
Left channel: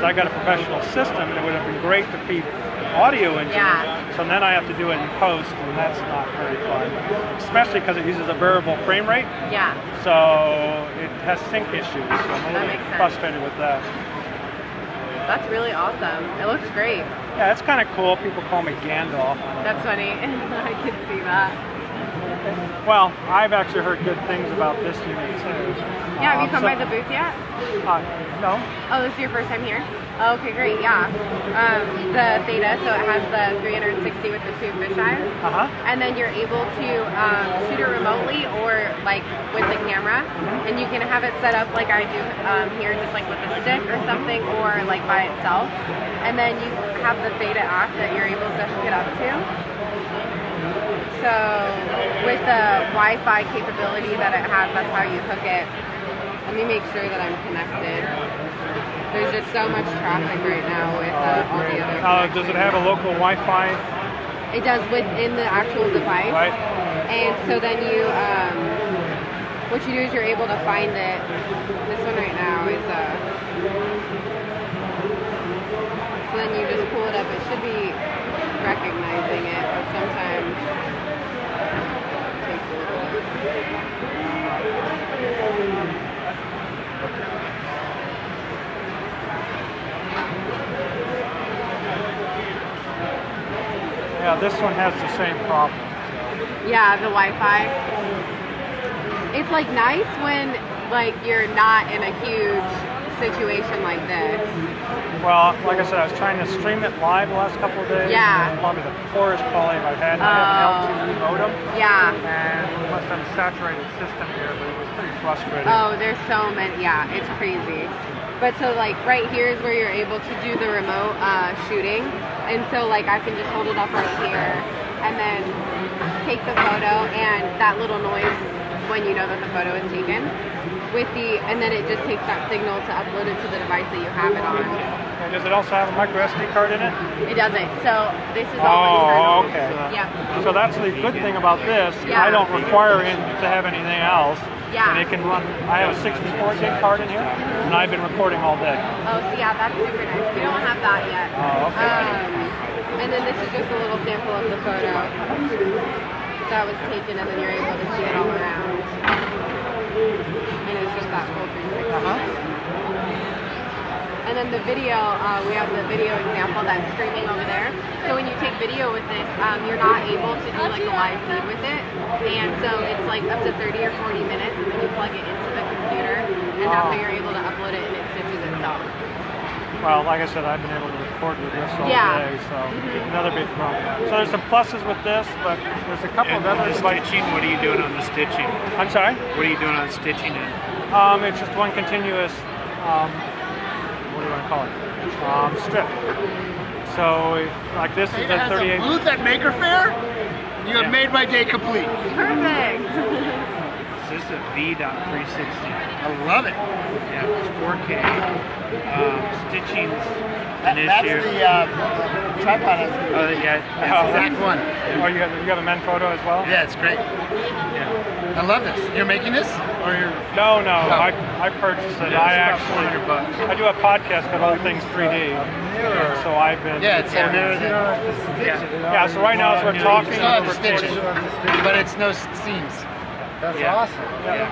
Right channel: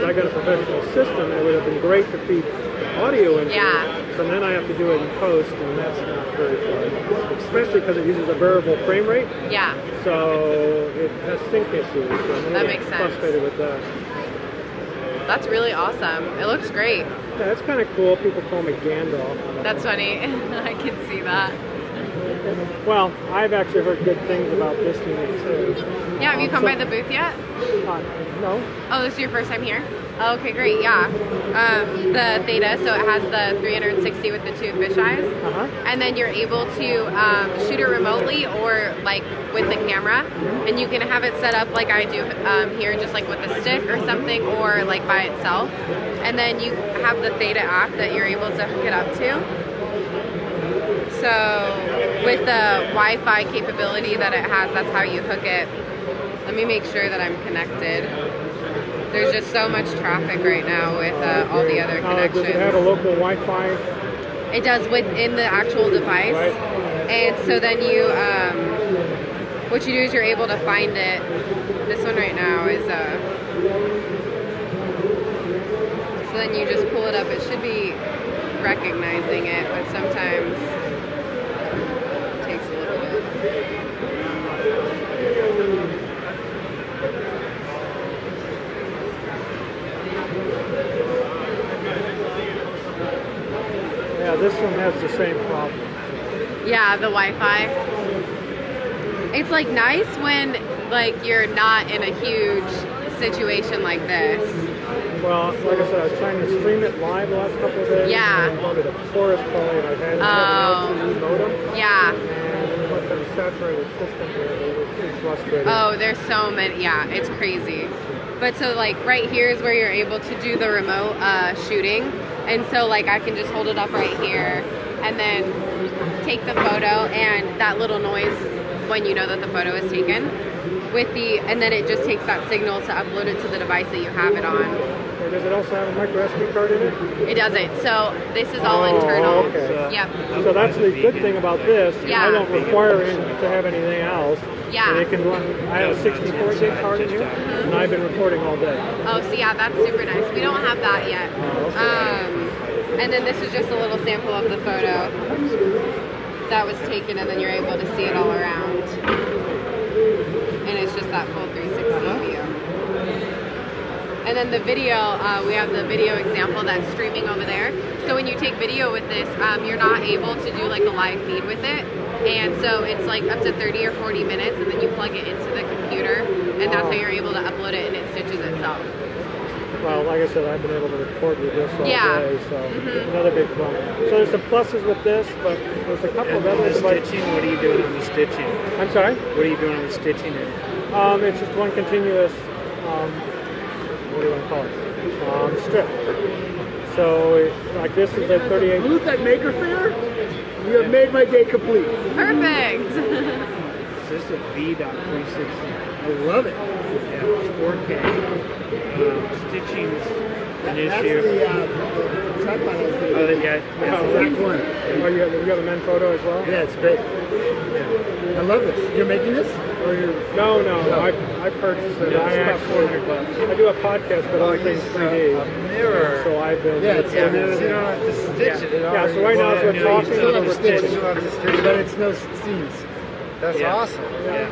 So I got a professional system, and it would have been great to feed audio into it. So then I have to do it in post, and that's not very fun. Especially because it uses a variable frame rate. Yeah. So it has sync issues. So I'm a That makes little sense. frustrated with that. That's really awesome. It looks great. Yeah, it's kind of cool. People call me Gandalf. That's funny. I can see that. Well, I've actually heard good things about this unit too. Yeah, have you come by the booth yet? No. Oh, this is your first time here? Oh, okay, great, yeah. The Theta, so it has the 360 with the two fisheyes. And then you're able to shoot it remotely or like with the camera. And you can have it set up like I do here, just like with a stick or something, or like by itself. And then you have the Theta app that you're able to hook it up to. So with the Wi-Fi capability that it has, that's how you hook it. Let me make sure that I'm connected. There's just so much traffic right now with all the other connections. Does it have a local Wi-Fi? It does within the actual device. Right. And so then you, what you do is you're able to find it. This one right now is, so then you just pull it up. It should be recognizing it, but sometimes it takes a little bit. Yeah, this one has the same problem. Yeah, the Wi-Fi. It's like nice when like you're not in a huge situation like this. Well, like I said, I was trying to stream it live the last couple of days. Yeah. And probably the poorest quality I've had. I have an LTE modem. Yeah. And plus I'm a saturated system here, but it was pretty frustrating. Oh, there's so many. Yeah, it's crazy. But so like right here is where you're able to do the remote shooting. And so like I can just hold it up right here and then take the photo, and that little noise when you know that the photo is taken with the, and then it just takes that signal to upload it to the device that you have it on. And does it also have a micro SD card in it? It doesn't. So this is all internal. Okay. Yeah. So that's the good thing about this. Yeah. I don't require it to have anything else. Yeah. And it can run, I have a 64 gig card in here, and I've been recording all day. Oh, so yeah, that's super nice. We don't have that yet. Oh, okay. And then this is just a little sample of the photo. that was taken, and then you're able to see it all around. And it's just that full 360 view. And then the video, we have the video example that's streaming over there. So when you take video with this, you're not able to do like a live feed with it. And so it's like up to 30 or 40 minutes, and then you plug it into the computer, and that's how you're able to upload it, and it stitches itself. Well, like I said, I've been able to record with this all day, so another big problem. So there's some pluses with this, but there's a couple of others. Stitching, what are you doing on the stitching? I'm sorry? What are you doing on the stitching end? It's just one continuous, what do you want to call it? Strip. So, like this is a 38. Booth at MakerFaire? You have made my day complete. Perfect. This is a V.360. I love it. Yeah, it's 4K. Stitching's an issue. That's the tripod. Oh, yeah. That's the exact one. Oh, you have a Manfrotto as well? Yeah, it's great. Yeah. I love this. You're making this? Or no, I purchased it. Yeah, I it's actually about $400. I do a podcast called All Things 3D, and so I've been. Yeah, it's Yeah, so right now as we're talking, Still stitch, but it's no seams. That's awesome.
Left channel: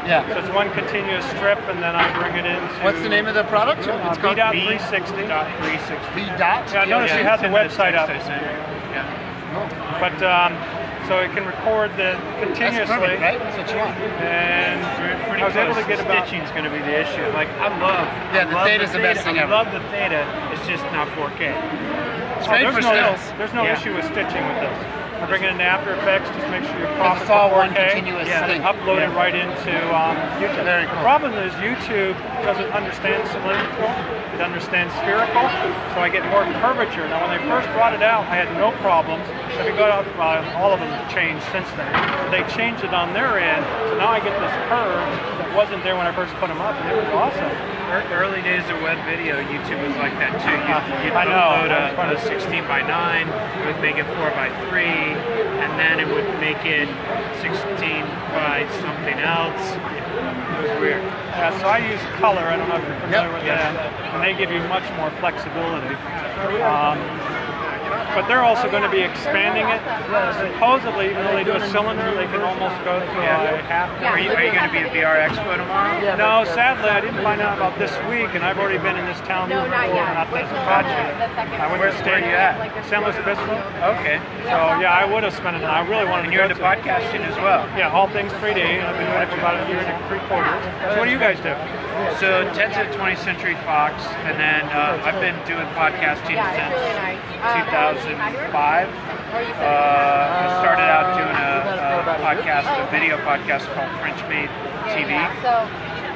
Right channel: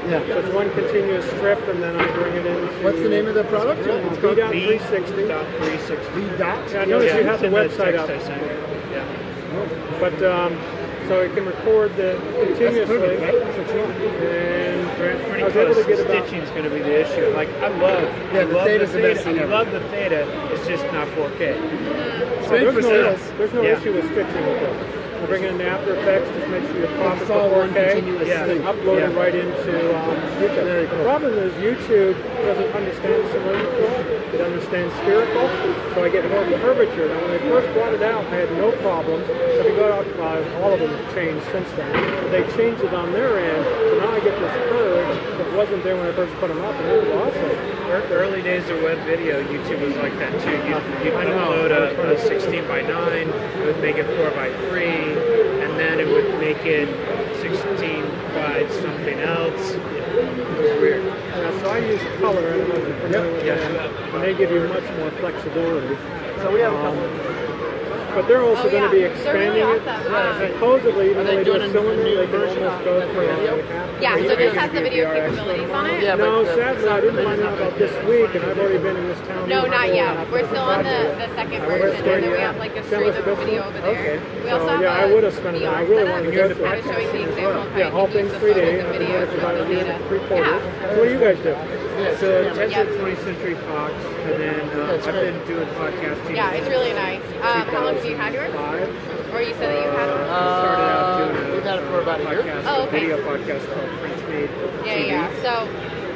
Yeah. just one continuous strip, and then I bring it into. What's the name of the product? It's called V.360. V.360. V dot. Yeah, notice you have the website up. Yeah. But so it can record the continuously. That's perfect, right? That's what you want. And Pretty I was able close. to get about. Stitching's going to be the issue. Like I love the Theta's the best thing I ever. love the Theta. It's just not 4K. So great for sales. there's no Yeah. issue with stitching with this. I bring it into After Effects to make sure you're proper It's for all 4K. one continuous thing. Upload it right into YouTube. Very The cool. problem is YouTube doesn't understand cylindrical, it understands spherical, so I get more curvature. Now when they first brought it out, I had no problems. If you go out, all of them have changed since then. But they changed it on their end, so now I get this curve that wasn't there when I first put them up, and it was awesome. Early days of web video, YouTube was like that too. You'd I know. upload a 16:9, it would make it 4:3, and then it would make it 16 by something else. It was weird. Yeah, so I use color. I don't know if you're familiar with Yeah. that, and they give you much more flexibility. But they're also going to be expanding it. Supposedly, even though they do a cylinder, they can almost go to a half. Yeah. Are you going to be at VR Expo tomorrow? No, sadly, I didn't find out about this week, and I've already been in this town No, before. not yet. Not We're this still on project. the second I went floor. to State. you at? San Luis Obispo. Okay. So yeah, I would have spent it. I really wanted And to you're go into to. podcasting as well. Yeah, All Things 3D. I've been doing it for about a year and 3/4. So what do you guys do? So Ted's at 20th Century Fox, and then I've been doing podcasting Yeah, it's since really nice. 2005. We started out doing a video podcast called French Made TV,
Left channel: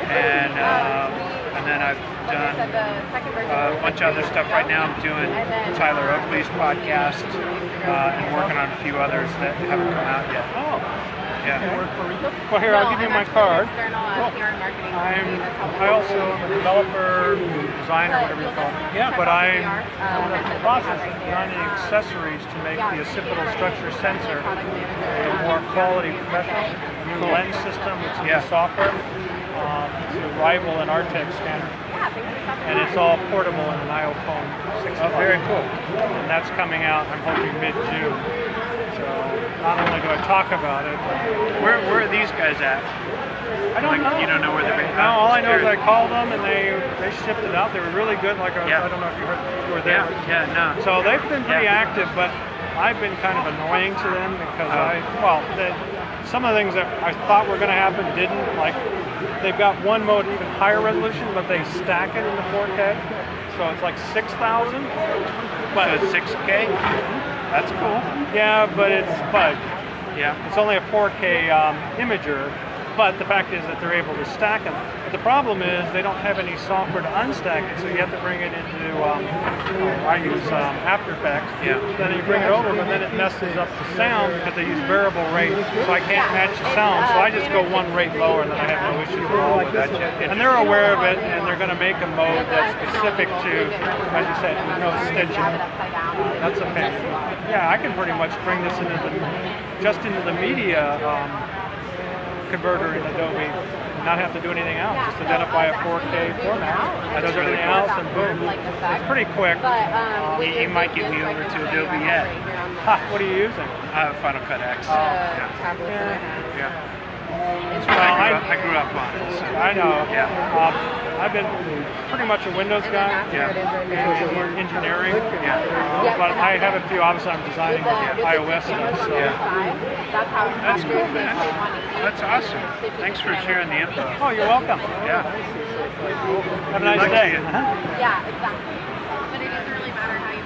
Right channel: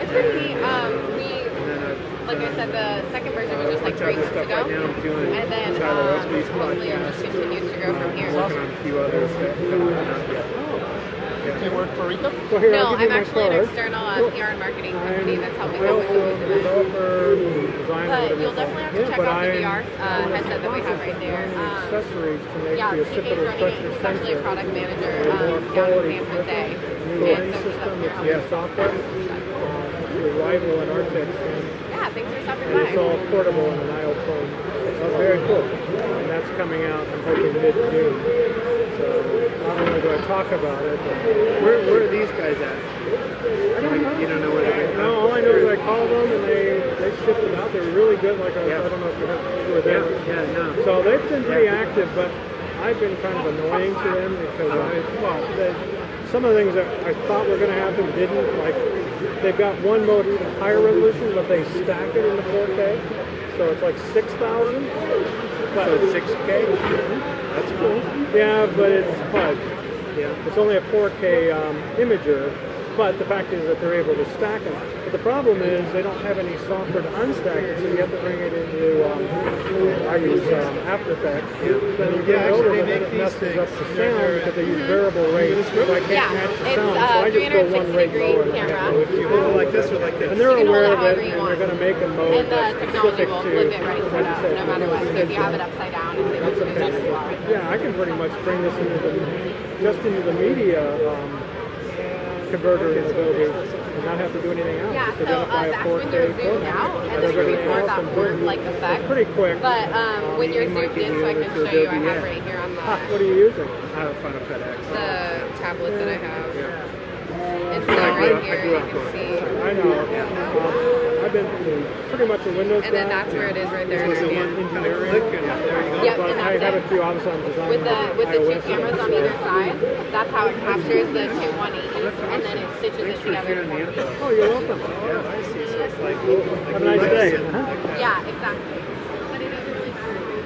and then I've done a bunch of other stuff. Right now I'm doing Tyler Oakley's podcast and working on a few others that haven't come out yet. Oh, Yeah. well here, I'll give you my card. Cool. I also am a developer, designer, whatever you call it. Yeah, but I'm in the process of designing accessories to make the occipital structure sensor a more quality professional. New lens system, which is software. It's a rival in Artec standard. And it's all portable in an iPhone 6 Plus. Very cool. And that's coming out, I'm hoping, mid-June. So not only do I talk about it, Where are these guys at? I don't know. You don't know where they're at? No, all I know is I called them and they shipped it out. They were really good. Like I don't know if you were there. No. So they've been pretty active, but I've been kind of annoying to them because some of the things that I thought were going to happen didn't. Like they've got one mode even higher resolution, but they stack it into 4K. So it's like 6,000. But So it's 6K? That's cool. Yeah, but it's fudge. Yeah. It's only a 4K imager, but the fact is that they're able to stack them. But the problem is they don't have any software to unstack it, so you have to bring it into, I use After Effects. Yeah. Then you bring it over, but then it messes up the sound because they use variable rates, so I can't match the sound. So I just go one rate lower, and then I have no issues at all with that. And they're aware of it, and they're going to make a mode that's specific to, as you said, no stitching. That's a pain. Yeah, I can pretty much bring this into the media converter in Adobe and not have to do anything else. Just identify a 4K format, and does everything else, and boom. It's pretty quick. He might get me over to Adobe yet. What are you using? I have Final Cut X. Tablet that I have. Yeah. It's Well, right I here. grew up on it. See? I know. Yeah. I've been pretty much a Windows And then guy. that's where it is right there. Engineering. Yeah, But I have a few, obviously I'm designing with the iOS two cameras stuff. on the side, that's how That's investors cool, they man. save money. That's awesome. Thanks for sharing the info. Oh, you're welcome. Yeah. Have a nice day. Yeah, exactly. But it doesn't really matter how you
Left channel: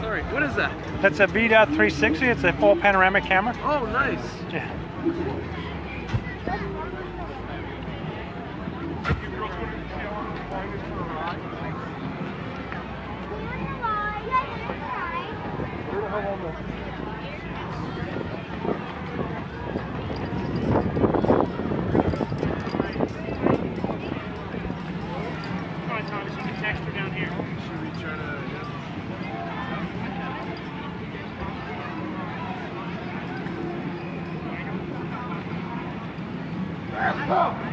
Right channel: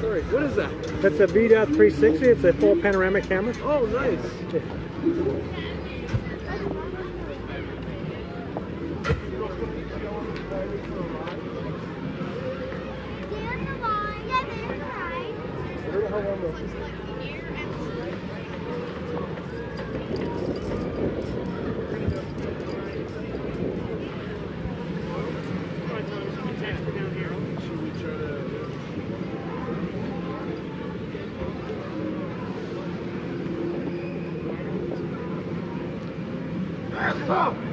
Sorry, what is that? It's a V.360. It's a full panoramic camera. Oh, nice. Yeah. Should we try to... Oh!